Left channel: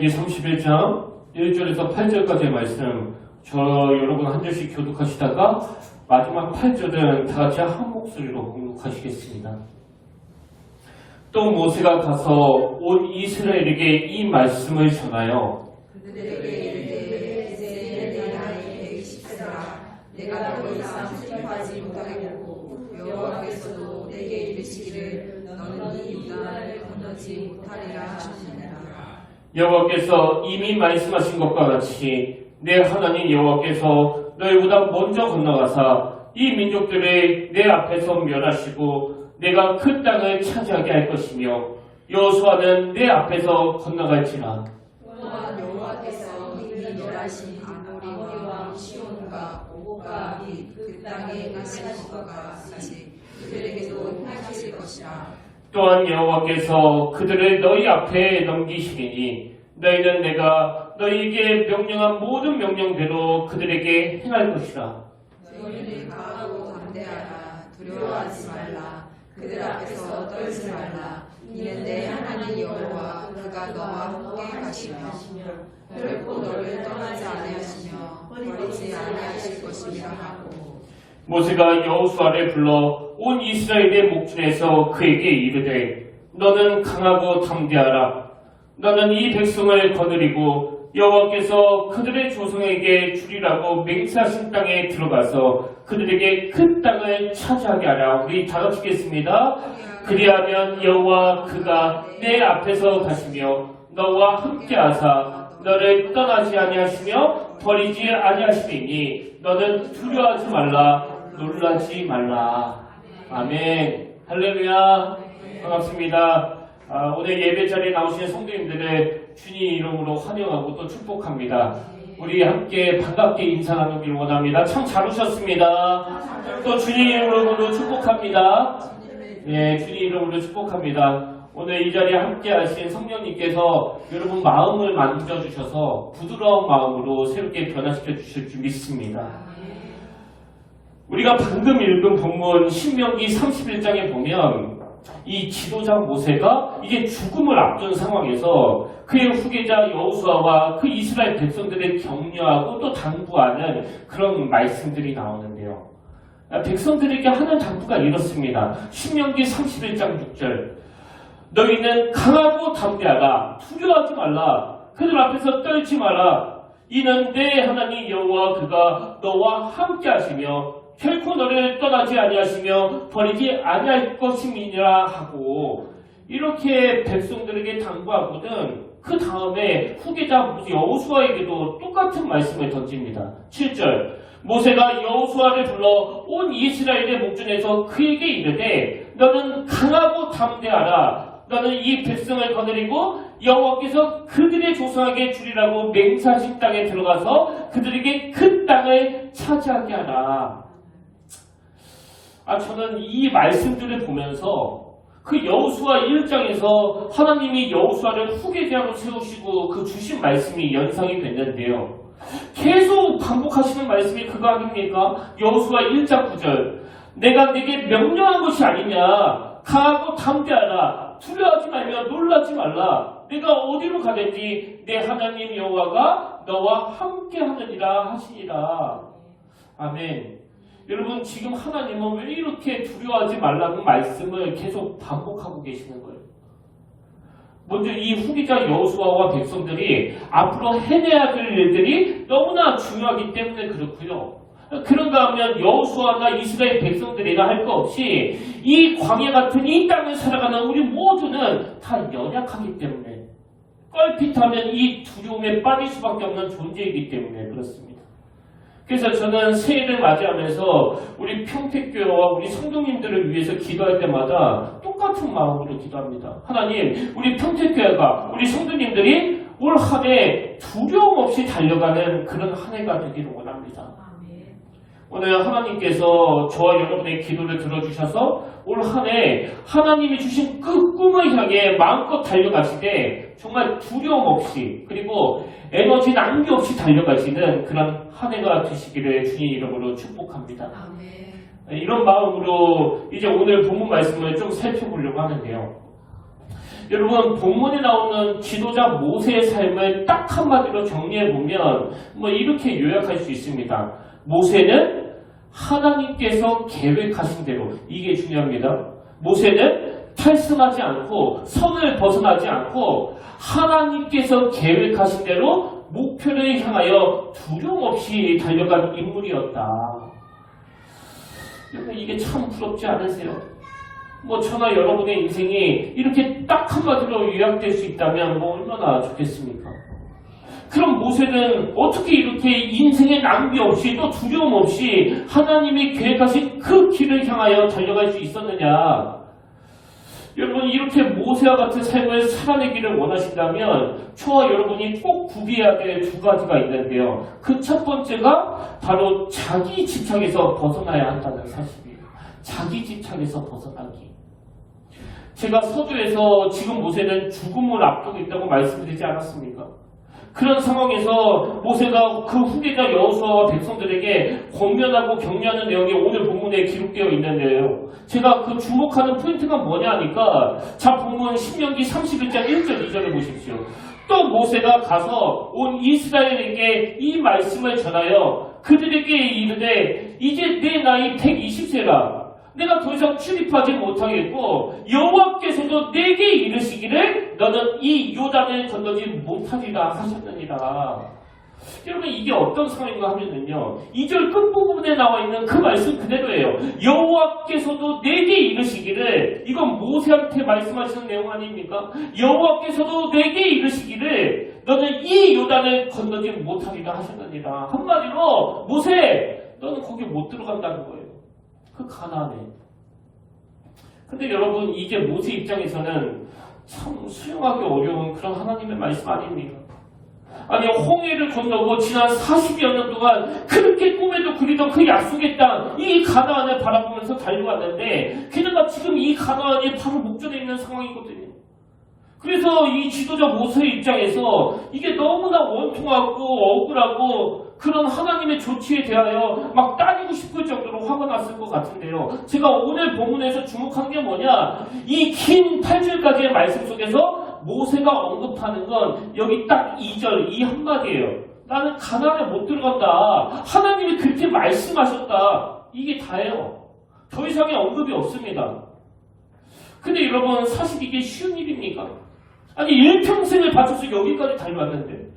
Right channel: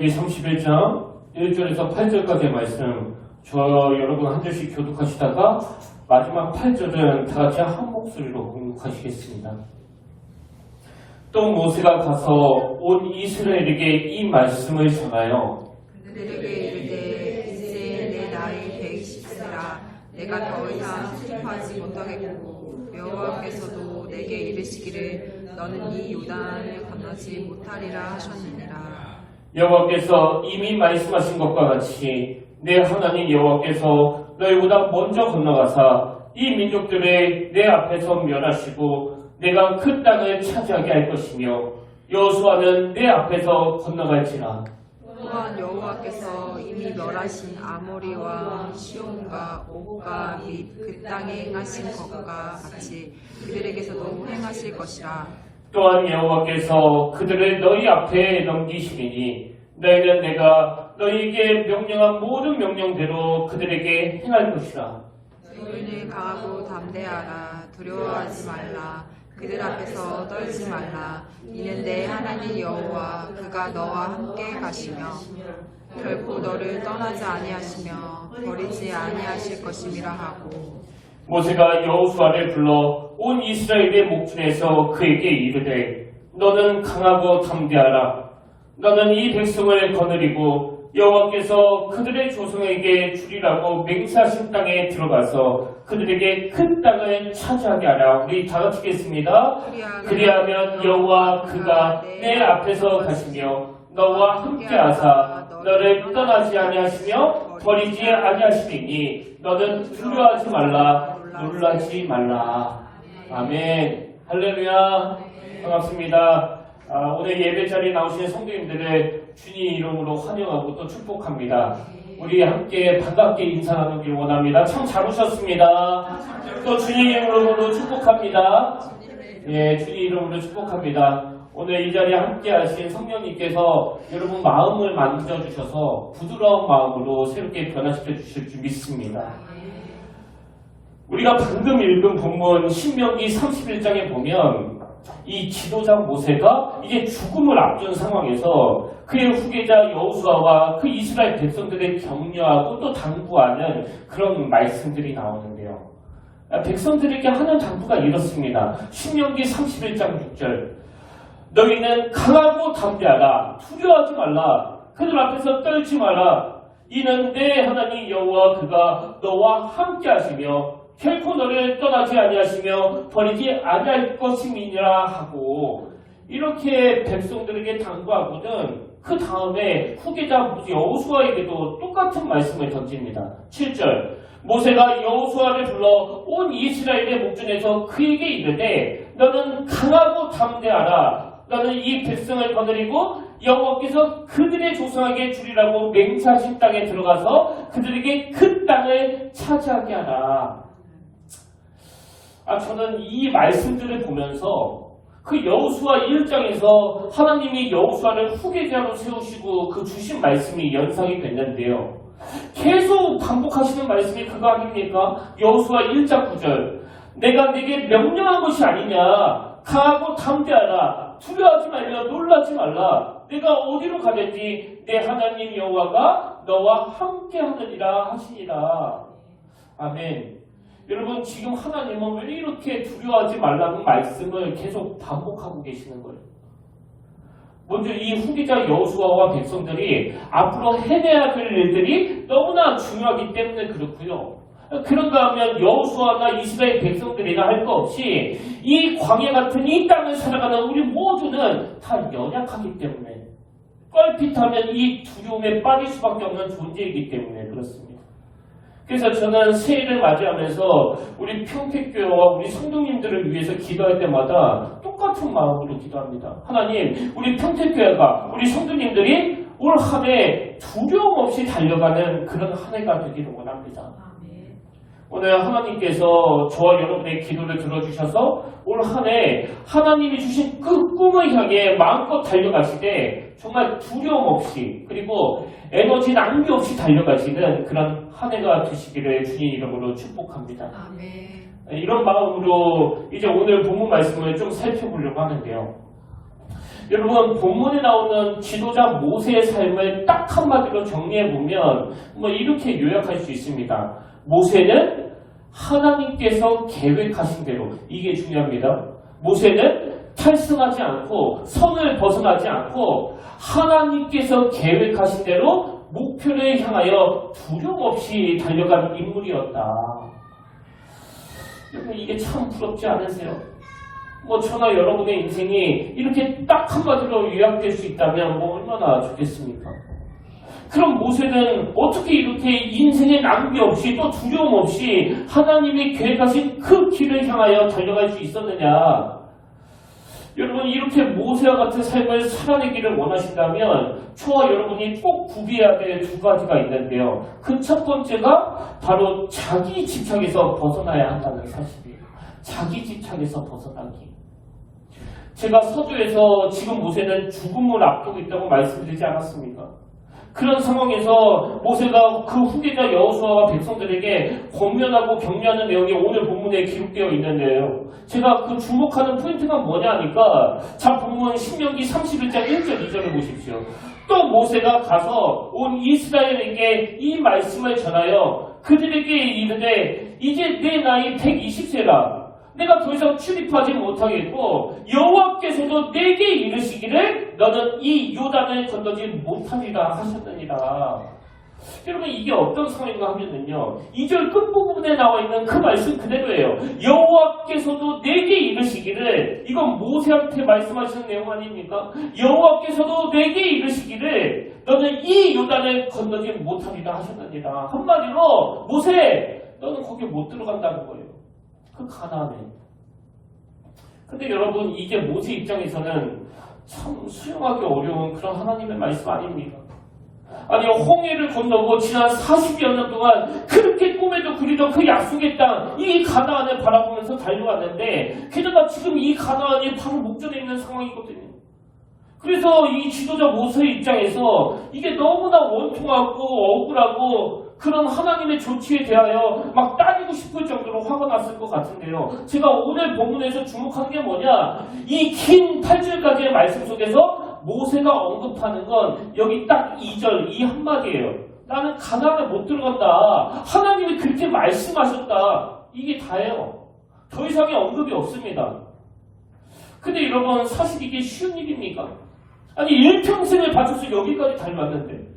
신명기 31장 1절에서 8절까지의 말씀 여러분 한 절씩 교독하시다가 마지막 8절은 다 같이 한 목소리로 공독하시겠습니다. 또 모세가 가서 온 이스라엘에게 이 말씀을 전하여 그들에게 이르되 이제 내 나이 120세라 내가 더 이상 출입하지 못하겠고 여호와께서도 내게 이르시기를 너는 이 요단을 건너지 못하리라 하셨느니라. 여호와께서 이미 말씀하신 것과 같이 내 하나님 여호와께서 너희보다 먼저 건너가사 이 민족들을 내 앞에서 멸하시고 내가 그 땅을 차지하게 할 것이며 여호수아는 내 앞에서 건너갈지나. 또한 여호와께서 이미 멸하신 아모리와 시온과 옥과 및 그 땅에 행하신 것과 같이 그들에게서도 행하실 것이라. 또한 여호와께서 그들을 너희 앞에 넘기시리니 너희는 내가 너희에게 명령한 모든 명령대로 그들에게 행할 것이라. 너희는 강하고 담대하라. 두려워하지 말라. 그들 앞에서 떨지 말라. 이는 내 하나님 여호와 그가 너와 함께 가시며 결코 너를 떠나지 아니하시며 버리지 아니하실 것임이라 하고. 모세가 여호수아를 불러 온 이스라엘의 목전에서 그에게 이르되 너는 강하고 담대하라. 너는 이 백성을 거느리고 여호와께서 그들의 조상에게 주리라고 맹세하신 땅에 들어가서 그들에게 그 땅을 차지하게 하라. 우리 다 같이 읽겠습니다. 그리하면 여호와 그가 내 앞에서 가시며 너와 함께하사 너를 떠나지 아니하시며 버리지 아니하시리니 너는 두려워하지 말라. 놀라지 말라. 아멘. 할렐루야. 반갑습니다. 오늘 예배 자리에 나오신 성도님들을 주님 이름으로 환영하고 또 축복합니다. 우리 함께 반갑게 인사 나누길 원합니다. 참 잘 오셨습니다. 또 주님 이름으로 축복합니다. 네, 주님 이름으로 축복합니다. 오늘 이 자리에 함께 하신 성령님께서 여러분 마음을 만져주셔서 부드러운 마음으로 새롭게 변화시켜 주실 줄 믿습니다. 우리가 방금 읽은 본문 신명기 31장에 보면 이 지도자 모세가 이제 죽음을 앞둔 상황에서 그의 후계자 여호수아와 그 이스라엘 백성들을 격려하고 또 당부하는 그런 말씀들이 나오는데요. 백성들에게 하는 당부가 이렇습니다. 신명기 31장 6절 너희는 강하고 담대하라. 두려워하지 말라. 그들 앞에서 떨지 마라. 이는 내 하나님 여호와 그가 너와 함께 하시며 결코 너를 떠나지 아니하시며 버리지 아니할 것임이니라 하고 이렇게 백성들에게 당부하고는 그 다음에 후계자 여호수아에게도 똑같은 말씀을 던집니다. 7절 모세가 여호수아를 불러 온 이스라엘의 목전에서 그에게 이르되 너는 강하고 담대하라. 너는 이 백성을 거느리고 여호와께서 그들의 조상에게 주리라고 맹세하신 땅에 들어가서 그들에게 그 땅을 차지하게 하라. 저는 이 말씀들을 보면서 그 여호수아 1장에서 하나님이 여호수아를 후계자로 세우시고 그 주신 말씀이 연상이 됐는데요. 계속 반복하시는 말씀이 그거 아닙니까? 여호수아 1장 9절 내가 네게 명령한 것이 아니냐. 강하고 담대하라. 두려워하지 말며 놀라지 말라. 내가 어디로 가든지 내 하나님 여호와가 너와 함께 하느니라 하시니라. 아멘. 여러분 지금 하나님은 왜 이렇게 두려워하지 말라는 말씀을 계속 반복하고 계시는 거예요? 먼저 이 후계자 여호수아와 백성들이 앞으로 해내야 될 일들이 너무나 중요하기 때문에 그렇고요. 그런가 하면 여호수아나 이스라엘 백성들이나 할 것 없이 이 광야 같은 이 땅을 살아가는 우리 모두는 다 연약하기 때문에 껄핏하면 이 두려움에 빠질 수밖에 없는 존재이기 때문에 그렇습니다. 그래서 저는 새해를 맞이하면서 우리 평택교회와 우리 성도님들을 위해서 기도할 때마다 똑같은 마음으로 기도합니다. 하나님, 우리 평택교회가 우리 성도님들이 올 한 해 두려움 없이 달려가는 그런 한 해가 되기를 원합니다. 오늘 하나님께서 저와 여러분의 기도를 들어주셔서 올 한 해 하나님이 주신 그 꿈을 향해 마음껏 달려가실 때 정말 두려움 없이 그리고 에너지 낭비 없이 달려가시는 그런 한 해가 되시기를 주님 이름으로 축복합니다. 이런 마음으로 이제 오늘 본문 말씀을 좀 살펴보려고 하는데요. 여러분 본문에 나오는 지도자 모세의 삶을 딱 한마디로 정리해보면 뭐 이렇게 요약할 수 있습니다. 모세는 하나님께서 계획하신 대로, 이게 중요합니다. 모세는 탈승하지 않고 선을 벗어나지 않고 하나님께서 계획하신 대로 목표를 향하여 두려움 없이 달려간 인물이었다. 여러분 이게 참 부럽지 않으세요? 뭐 저나 여러분의 인생이 이렇게 딱 한마디로 요약될 수 있다면 뭐 얼마나 좋겠습니까? 그럼 모세는 어떻게 이렇게 인생의 낭비 없이 또 두려움 없이 하나님이 계획하신 그 길을 향하여 달려갈 수 있었느냐? 여러분 이렇게 모세와 같은 삶을 살아내기를 원하신다면 저와 여러분이 꼭 구비해야 될 두 가지가 있는데요. 그 첫 번째가 바로 자기 집착에서 벗어나야 한다는 사실이에요. 자기 집착에서 벗어나기. 제가 서두에서 지금 모세는 죽음을 앞두고 있다고 말씀드리지 않았습니까? 그런 상황에서 모세가 그 후계자 여호수아와 백성들에게 권면하고 격려하는 내용이 오늘 본문에 기록되어 있는데요. 제가 그 주목하는 포인트가 뭐냐 하니까 자 본문 신명기 31장 1절 2절을 보십시오. 또 모세가 가서 온 이스라엘에게 이 말씀을 전하여 그들에게 이르되 이제 내 나이 120세라 내가 더 이상 출입하지 못하겠고 여호와께서도 내게 이르시기를 너는 이 요단을 건너지 못하리라 하셨느니라. 여러분 이게 어떤 상황인가 하면요 2절 끝부분에 나와 있는 그 말씀 그대로예요. 여호와께서도 내게 이르시기를, 이건 모세한테 말씀하시는 내용 아닙니까? 여호와께서도 내게 이르시기를 너는 이 요단을 건너지 못하리라 하셨느니라. 한마디로 모세 너는 거기 못 들어간다는 거예요. 그 가나안에. 근데 여러분 이게 모세 입장에서는 참 수용하기 어려운 그런 하나님의 말씀 아닙니까? 아니 홍해를 건너고 지난 40여 년 동안 그렇게 꿈에도 그리던 그 약속의 땅, 이 가나안을 바라보면서 달려왔는데 게다가 지금 이 가나안이 바로 목전에 있는 상황이거든요. 그래서 이 지도자 모세의 입장에서 이게 너무나 원통하고 억울하고 그런 하나님의 조치에 대하여 막 따지고 싶을 정도로 화가 났을 것 같은데요. 제가 오늘 본문에서 주목한 게 뭐냐, 이 긴 8절까지의 말씀 속에서 모세가 언급하는 건 여기 딱 2절 이 한마디예요. 나는 가나안에 못 들어간다. 하나님이 그렇게 말씀하셨다. 이게 다예요. 더 이상의 언급이 없습니다. 근데 여러분 사실 이게 쉬운 일입니까? 아니 일평생을 바쳐서 여기까지 달려왔는데,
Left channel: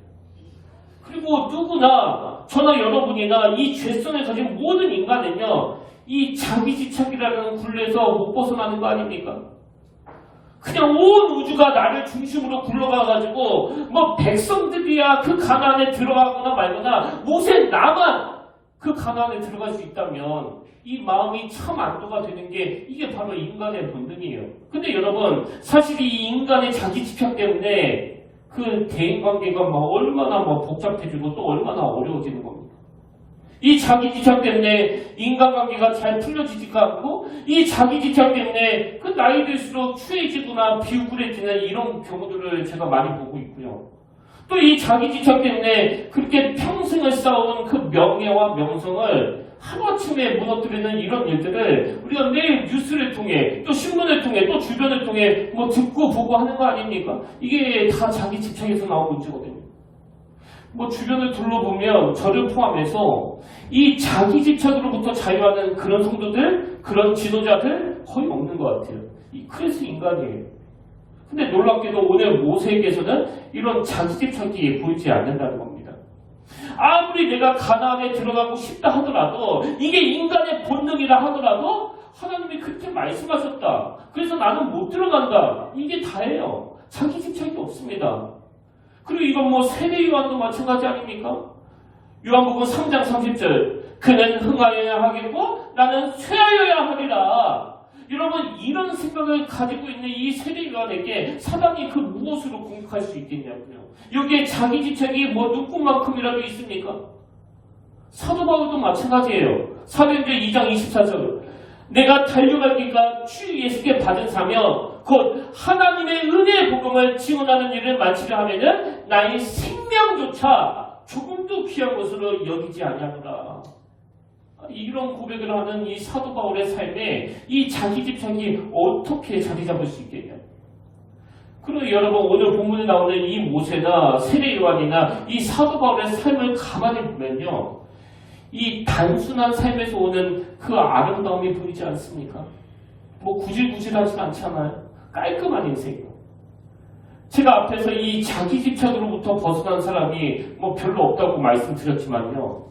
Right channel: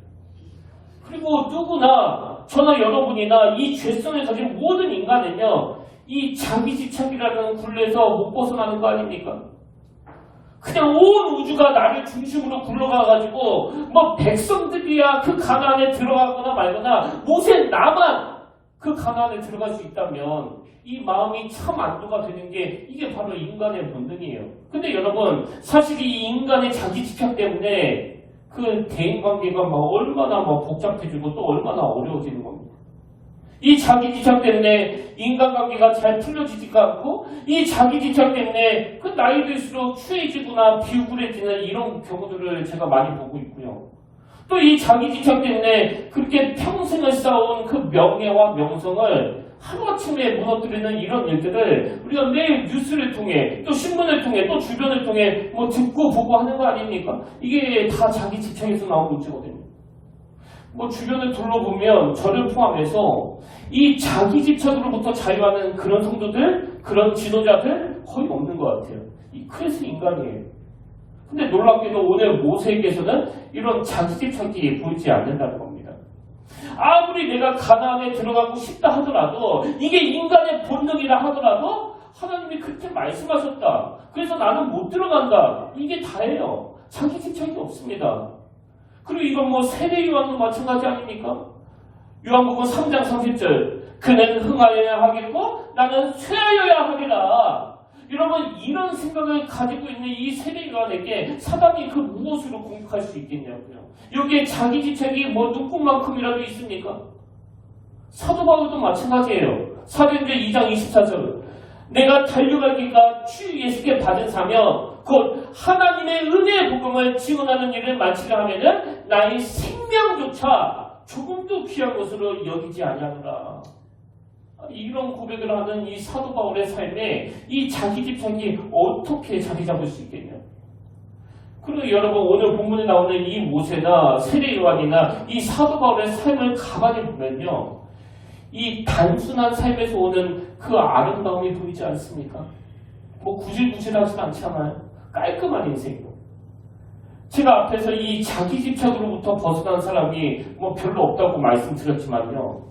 그리고 누구나 저나 여러분이나 이 죄성을 가진 모든 인간은요 이 자기 집착이라는 굴레에서 못 벗어나는 거 아닙니까? 그냥 온 우주가 나를 중심으로 굴러가가지고 뭐 백성들이야 그 가나안에 들어가거나 말거나 모세 나만 그 가나안에 들어갈 수 있다면 이 마음이 참 안도가 되는 게 이게 바로 인간의 본능이에요. 근데 여러분 사실 이 인간의 자기 집착 때문에 그 대인관계가 얼마나 복잡해지고 또 얼마나 어려워지는 겁니다. 이 자기 집착 때문에 인간관계가 잘 풀려지지가 않고 이 자기 집착 때문에 그 나이 들수록 추해지거나 비우그레지는 이런 경우들을 제가 많이 보고 있고요. 또 이 자기 집착 때문에 그렇게 평생을 쌓아온 그 명예와 명성을 하루아침에 무너뜨리는 이런 일들을 우리가 매일 뉴스를 통해 또 신문을 통해 또 주변을 통해 듣고 보고 하는 거 아닙니까? 이게 다 자기 집착에서 나온 문제거든요. 주변을 둘러보면 저를 포함해서 이 자기 집착으로부터 자유하는 그런 성도들, 그런 지도자들 거의 없는 것 같아요. 그래서 인간이에요. 근데 놀랍게도 오늘 모세에게서는 이런 자기 집착이 보이지 않는다는 겁니다. 아무리 내가 가나안에 들어가고 싶다 하더라도 이게 인간의 본능이라 하더라도 하나님이 그렇게 말씀하셨다. 그래서 나는 못 들어간다. 이게 다예요. 자기 집착이 없습니다. 그리고 이건 세례 요한도 마찬가지 아닙니까? 요한복음 3장 30절 그는 흥하여야 하겠고 나는 쇠하여야 하리라. 여러분 이런 생각을 가지고 있는 이 세례 요한에게 사단이 그 무엇으로 공격할 수 있겠냐고요. 여기에 자기 집착이 눈꽃만큼이라도 있습니까? 사도 바울도 마찬가지예요. 사도행전 2장 24절 내가 달려갈 길과 주 예수께 받은 사명 곧 하나님의 은혜의 복음을 증언하는 일을 마치려 하면은 나의 생명조차 조금도 귀한 것으로 여기지 아니하노라. 이런 고백을 하는 이 사도 바울의 삶에 이 자기 집착이 어떻게 자리 잡을 수 있겠냐. 그리고 여러분 오늘 본문에 나오는 이 모세나 세례 요한이나 이 사도 바울의 삶을 가만히 보면요, 이 단순한 삶에서 오는 그 아름다움이 보이지 않습니까? 뭐 구질구질하진 않잖아요. 깔끔한 인생이요. 제가 앞에서 이 자기 집착으로부터 벗어난 사람이 뭐 별로 없다고 말씀드렸지만요,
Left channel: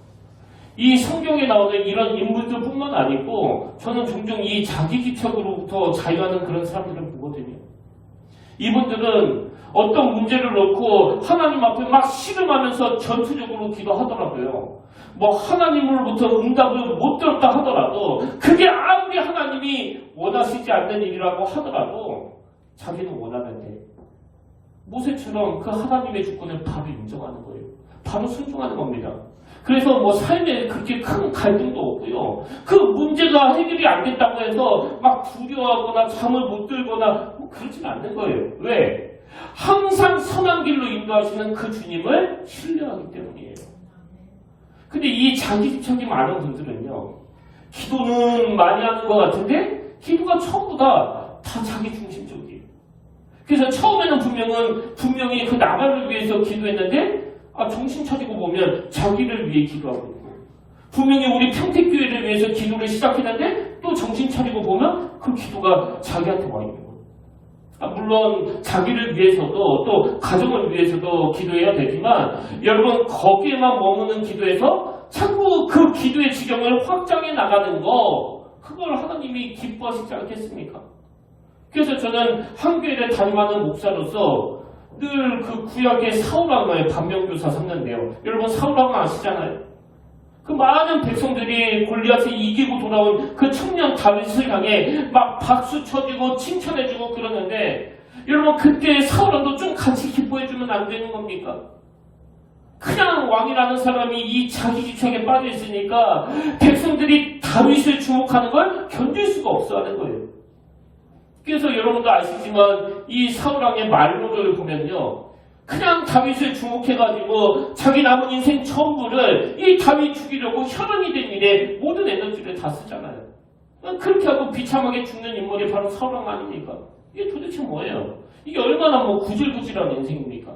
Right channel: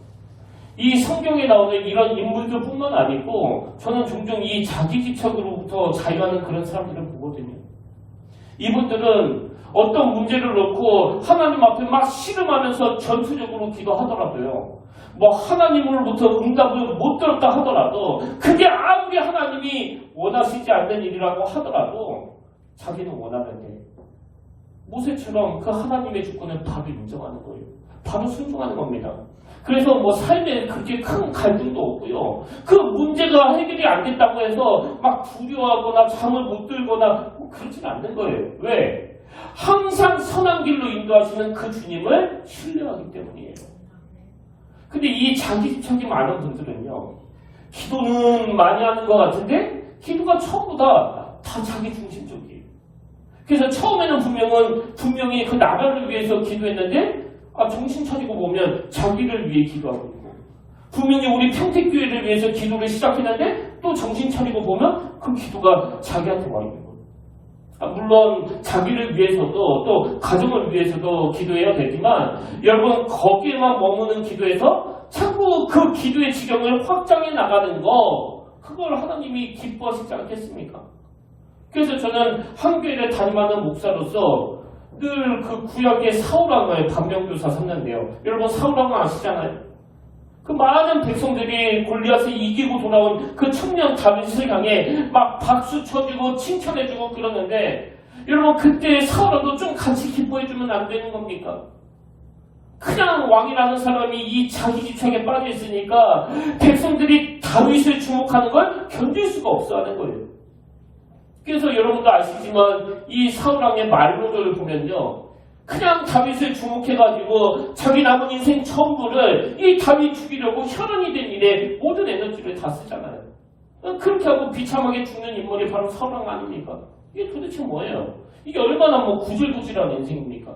이 성경에 나오는 이런 인물들뿐만 아니고 저는 종종 이 자기 집착으로부터 자유하는 그런 사람들을 보거든요. 이분들은 어떤 문제를 놓고 하나님 앞에 막 씨름하면서 전투적으로 기도하더라도요, 뭐 하나님으로부터 응답을 못 들었다 하더라도, 그게 아무리 하나님이 원하시지 않는 일이라고 하더라도 자기는 원하는데 모세처럼 그 하나님의 주권을 바로 인정하는 거예요. 바로 순종하는 겁니다. 그래서 뭐 삶에 그렇게 큰 갈등도 없고요, 그 문제가 해결이 안 됐다고 해서 막 두려워하거나 잠을 못 들거나 뭐 그러진 않는 거예요. 왜? 항상 선한 길로 인도하시는 그 주님을 신뢰하기 때문이에요. 근데 이 자기 집착이 많은 분들은요, 기도는 많이 하는 것 같은데 기도가 전부 다 자기 중심적이에요. 그래서 처음에는 분명히 그 나라를 위해서 기도했는데 정신 차리고 보면 자기를 위해 기도하고 있고, 분명히 우리 평택교회를 위해서 기도를 시작했는데 또 정신 차리고 보면 그 기도가 자기한테 와 있는 거예요. 물론 자기를 위해서도 또 가정을 위해서도 기도해야 되지만, 여러분 거기에만 머무는 기도에서 자꾸 그 기도의 지경을 확장해 나가는 거, 그걸 하나님이 기뻐하시지 않겠습니까? 그래서 저는 한교회를 담임하는 목사로서 늘 그 구약의 사울왕을 반면교사 삼는데요. 여러분 사울왕 아시잖아요? 그 많은 백성들이 골리앗을 이기고 돌아온 그 청년 다윗을 향해 막 박수 쳐주고 칭찬해주고 그러는데, 여러분 그때 사울왕도 좀 같이 기뻐해주면 안 되는 겁니까? 그냥 왕이라는 사람이 이 자기 집착에 빠져 있으니까 백성들이 다윗을 주목하는 걸 견딜 수가 없어 하는 거예요. 그래서 여러분도 아시지만 이 사울왕의 말로를 보면요, 그냥 다윗을 주목해가지고 자기 남은 인생 전부를 이 다윗 죽이려고 혈연이 된 일에 모든 에너지를 다 쓰잖아요. 그렇게 하고 비참하게 죽는 인물이 바로 사울왕 아닙니까? 이게 도대체 뭐예요? 이게 얼마나 뭐 구질구질한 인생입니까?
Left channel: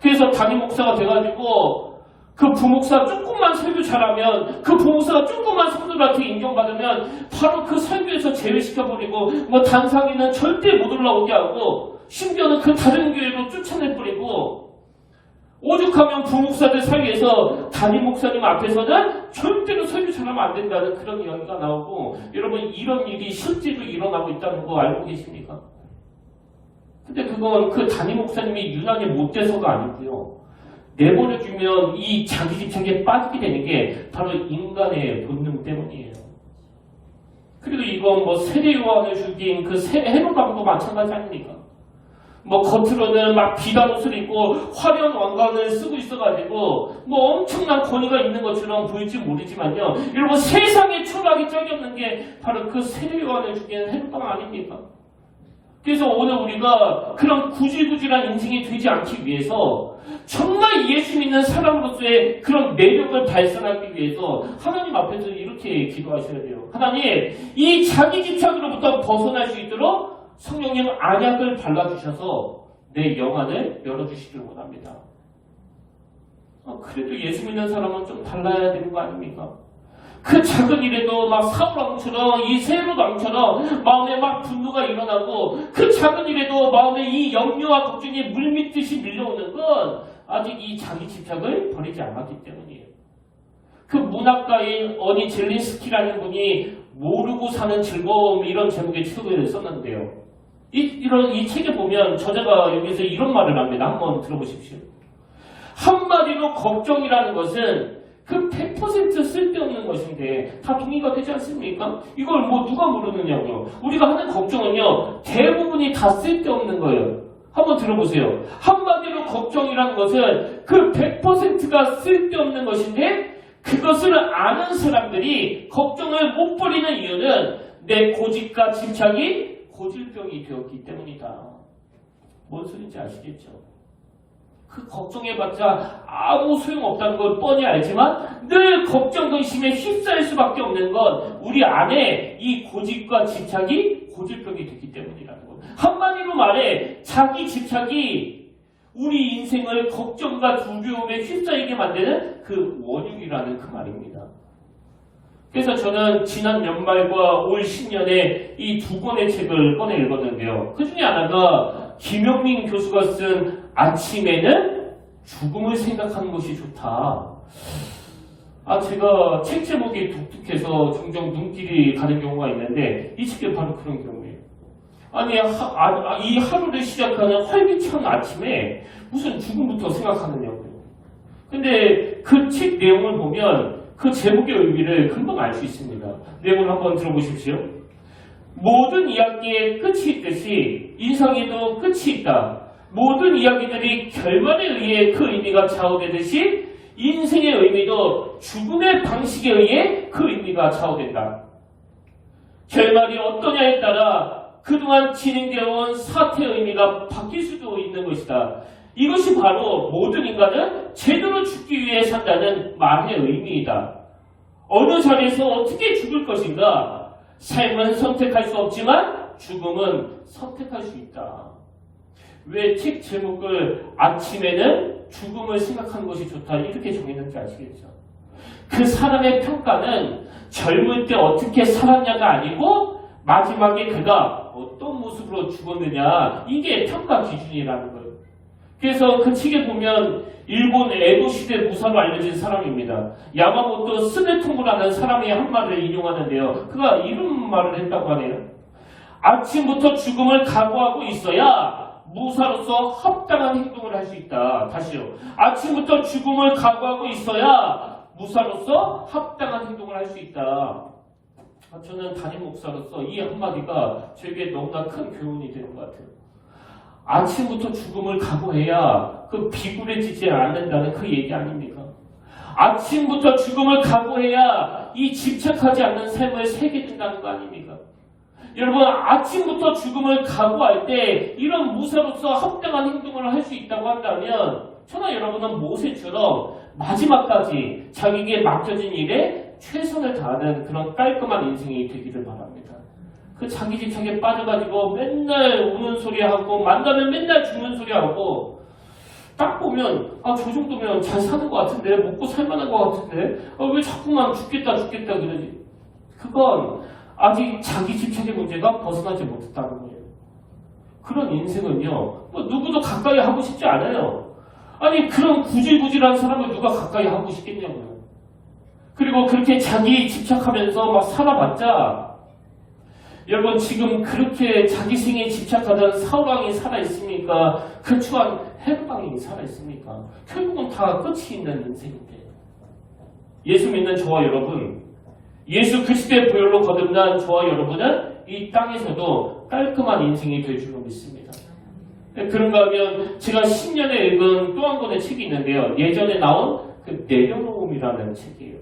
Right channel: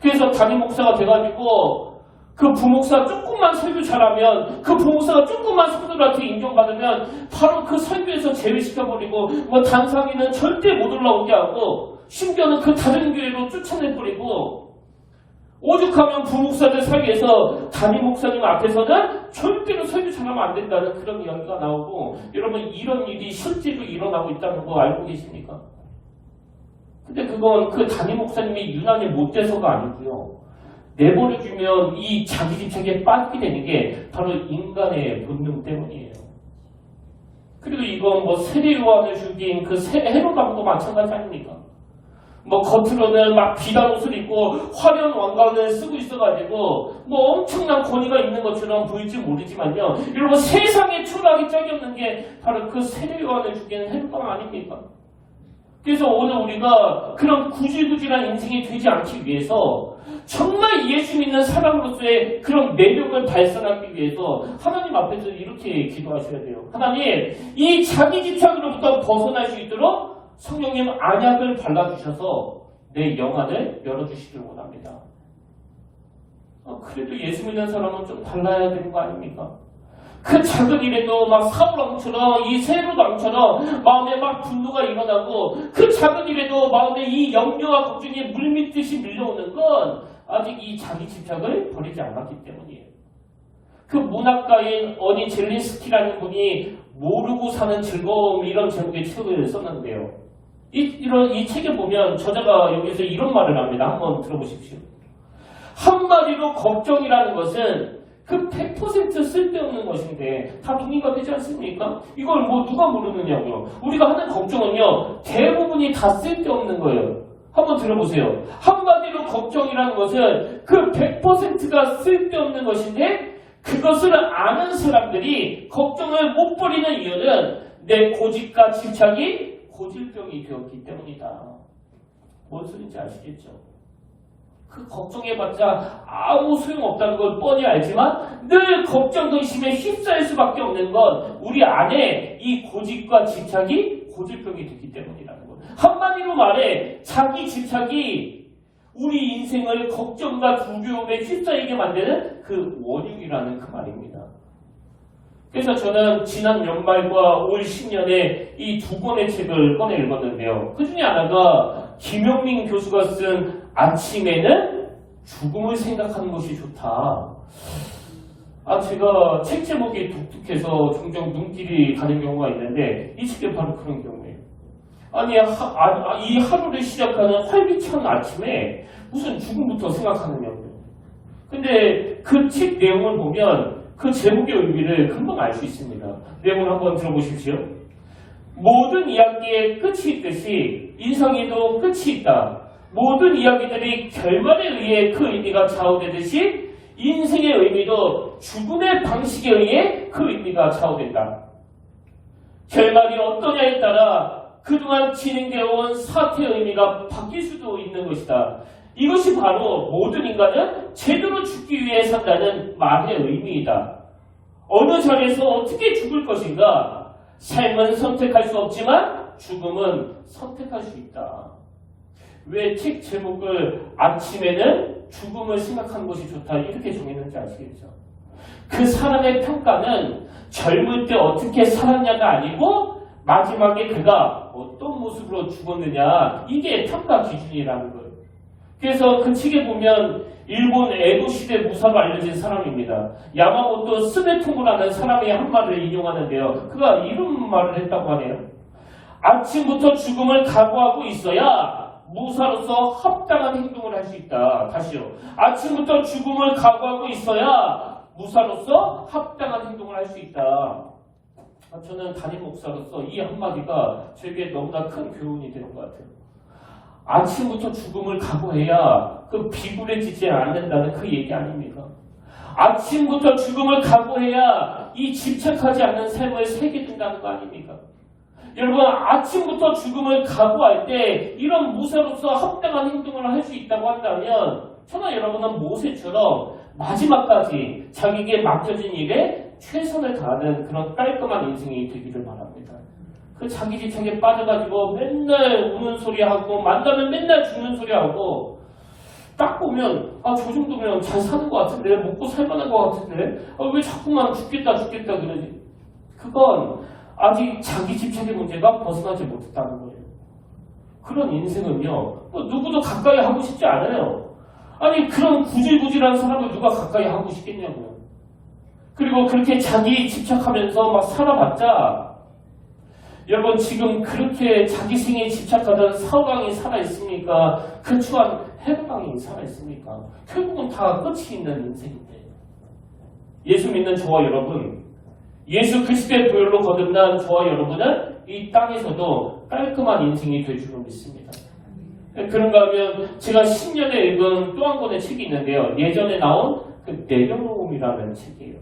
그래서 담임 목사가 돼가지고 그 부목사 조금만 설교 잘하면, 그 부목사가 조금만 성도들한테 인정받으면 바로 그 설교에서 제외시켜버리고, 뭐 단상에는 절대 못 올라오게 하고, 심지어는 그 다른 교회로 쫓아내버리고, 오죽하면 부목사들 사이에서 담임 목사님 앞에서는 절대로 설교 잘하면 안 된다는 그런 이야기가 나오고, 여러분 이런 일이 실제로 일어나고 있다는 거 알고 계십니까? 근데 그건 그 담임 목사님이 유난히 못돼서가 아니고요, 내버려주면 이 자기 집착에 빠지게 되는 게 바로 인간의 본능 때문이에요. 그리고 이건 뭐 세례 요한을 죽인 그 헤롯왕도 마찬가지 아닙니까? 뭐 겉으로는 막 비단 옷을 입고 화려한 왕관을 쓰고 있어가지고 뭐 엄청난 권위가 있는 것처럼 보일지 모르지만요, 여러분 세상에 초라하기 짝이 없는 게 바로 그 세례 요한을 죽인 헤롯왕 아닙니까? 그래서 오늘 우리가 그런 구질구질한 인생이 되지 않기 위해서 정말 예수 믿는 사람으로서의 그런 매력을 발산하기 위해서 하나님 앞에서 이렇게 기도하셔야 돼요. 하나님, 이 자기 집착으로부터 벗어날 수 있도록 성령님 안약을 발라주셔서 내 영안을 열어주시길 원합니다. 그래도 예수 믿는 사람은 좀 달라야 되는 거 아닙니까? 그 작은 일에도 막 사울왕처럼, 이 헤롯왕처럼 마음에 막 분노가 일어나고, 그 작은 일에도 마음에 이 염려와 걱정이 물밀듯이 밀려오는 건 아직 이 자기 집착을 버리지 않았기 때문이에요. 그 문학가인 어니 젤린스키라는 분이 모르고 사는 즐거움, 이런 제목의 책을 썼는데요, 이 책에 보면 저자가 여기서 이런 말을 합니다. 한번 들어보십시오. 한마디로 걱정이라는 것은 그 100% 쓸데없는 것인데 다 동의가 되지 않습니까? 이걸 뭐 누가 모르느냐고요. 우리가 하는 걱정은요, 대부분이 다 쓸데없는 거예요. 한번 들어보세요. 한마디로 걱정이라는 것은 그 100%가 쓸데없는 것인데, 그것을 아는 사람들이 걱정을 못 버리는 이유는 내 고집과 집착이 고질병이 되었기 때문이다. 뭔 소리인지 아시겠죠? 그 걱정해봤자 아무 소용없다는 걸 뻔히 알지만 늘 걱정, 근심에 휩싸일 수밖에 없는 건 우리 안에 이 고집과 집착이 고질병이 됐기 때문이라는 것. 한마디로 말해 자기 집착이 우리 인생을 걱정과 두려움에 휩싸이게 만드는 그 원흉이라는 그 말입니다. 그래서 저는 지난 연말과 올 신년에 이 두 권의 책을 꺼내 읽었는데요. 그 중에 하나가 김영민 교수가 쓴 아침에는 죽음을 생각하는 것이 좋다. 제가 책 제목이 독특해서 종종 눈길이 가는 경우가 있는데 이 책이 바로 그런 경우예요. 이 하루를 시작하는 활기찬 아침에 무슨 죽음부터 생각하느냐고요. 근데 그 책 내용을 보면 그 제목의 의미를 금방 알 수 있습니다. 내용을 한번 들어보십시오. 모든 이야기의 끝이 있듯이 인생에도 끝이 있다. 모든 이야기들이 결말에 의해 그 의미가 좌우되듯이 인생의 의미도 죽음의 방식에 의해 그 의미가 좌우된다. 결말이 어떠냐에 따라 그동안 진행되어 온 사태의 의미가 바뀔 수도 있는 것이다. 이것이 바로 모든 인간은 제대로 죽기 위해 산다는 말의 의미이다. 어느 자리에서 어떻게 죽을 것인가? 삶은 선택할 수 없지만 죽음은 선택할 수 있다. 왜 책 제목을 아침에는 죽음을 생각하는 것이 좋다 이렇게 정했는지 아시겠죠? 그 사람의 평가는 젊을 때 어떻게 살았냐가 아니고 마지막에 그가 어떤 모습으로 죽었느냐 이게 평가 기준이라는 거예요. 그래서 그 책에 보면 일본 에도 시대 무사로 알려진 사람입니다. 야마모토 스네토무라는 사람이 한 말을 인용하는데요. 그가 이런 말을 했다고 하네요. 아침부터 죽음을 각오하고 있어야 무사로서 합당한 행동을 할 수 있다. 다시요. 아침부터 죽음을 각오하고 있어야 무사로서 합당한 행동을 할 수 있다. 저는 담임 목사로서 이 한마디가 저에게 너무나 큰 교훈이 되는 것 같아요. 아침부터 죽음을 각오해야 그 비굴해지지 않는다는 그 얘기 아닙니까? 아침부터 죽음을 각오해야 이 집착하지 않는 삶을 살게 된다는 거 아닙니까? 여러분, 아침부터 죽음을 각오할 때 이런 무사로서 합당한 행동을 할 수 있다고 한다면 저나 여러분은 모세처럼 마지막까지 자기에게 맡겨진 일에 최선을 다하는 그런 깔끔한 인생이 되기를 바랍니다. 그 자기 집착에 빠져가지고 맨날 우는 소리 하고 만나면 맨날 죽는 소리 하고 딱 보면 저 정도면 잘 사는 것 같은데 먹고 살만한 것 같은데 왜 자꾸만 죽겠다 그러지? 그건 아직 자기 집착의 문제가 벗어나지 못했다는 거예요. 그런 인생은요 누구도 가까이 하고 싶지 않아요. 그런 구질구질한 사람을 누가 가까이 하고 싶겠냐고요. 그리고 그렇게 자기 집착하면서 막 살아봤자 여러분 지금 그렇게 자기 생에 집착하던 사울왕이 살아있습니까? 근처한 헤롯왕이 살아있습니까? 결국은 다 끝이 있는 인생인데 예수 믿는 저와 여러분 예수 그리스도의 보혈로 거듭난 저와 여러분은 이 땅에서도 깔끔한 인생이 될 줄로 믿습니다. 그런가 하면 제가 10년에 읽은 또 한 권의 책이 있는데요. 예전에 나온 그 내려놓음이라는 책이에요.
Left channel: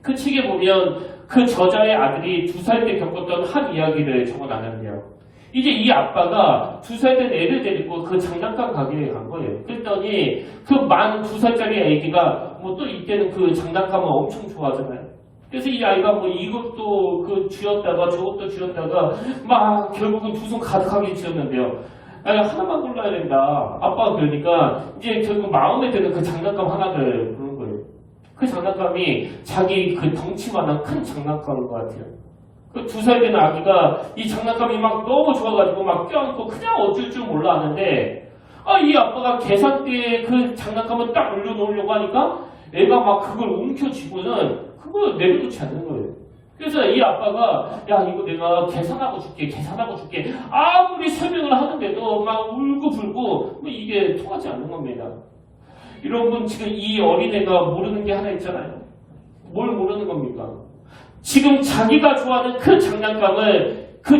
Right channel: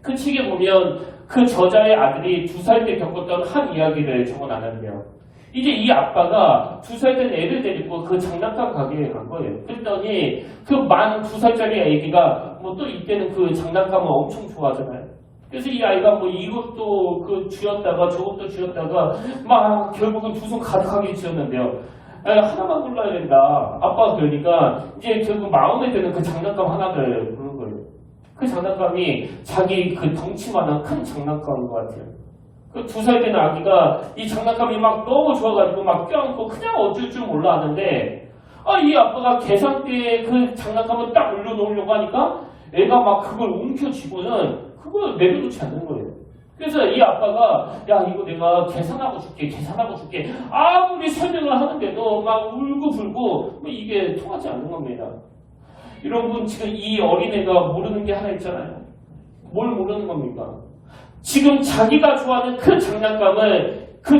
그 책에 보면 그 저자의 아들이 2살 때 겪었던 한 이야기를 적어놨는데요. 이제 이 아빠가 2살 된 애를 데리고 그 장난감 가게에 간 거예요. 그랬더니 그 만 2살짜리 애기가 또 이때는 그 장난감을 엄청 좋아하잖아요. 그래서 이 아이가 이것도 쥐었다가 저것도 쥐었다가 막 결국은 두 손 가득하게 쥐었는데요. 하나만 골라야 된다. 아빠가 그러니까 이제 결국 마음에 드는 그 장난감 하나를 고른 거예요. 그 장난감이 자기 그 덩치만한 큰 장난감인 것 같아요. 그 2살 되는 아기가 이 장난감이 막 너무 좋아가지고 막 껴안고 그냥 어쩔 줄 몰라 하는데 이 아빠가 계산대에 그 장난감을 딱 올려놓으려고 하니까 애가 막 그걸 움켜쥐고는 그걸 내려놓지 않는 거예요. 그래서 이 아빠가 야 이거 내가 계산하고 줄게 아무리 설명을 하는데도 막 울고불고 이게 통하지 않는 겁니다. 여러분 지금 이 어린애가 모르는 게 하나 있잖아요. 뭘 모르는 겁니까? 지금 자기가 좋아하는 그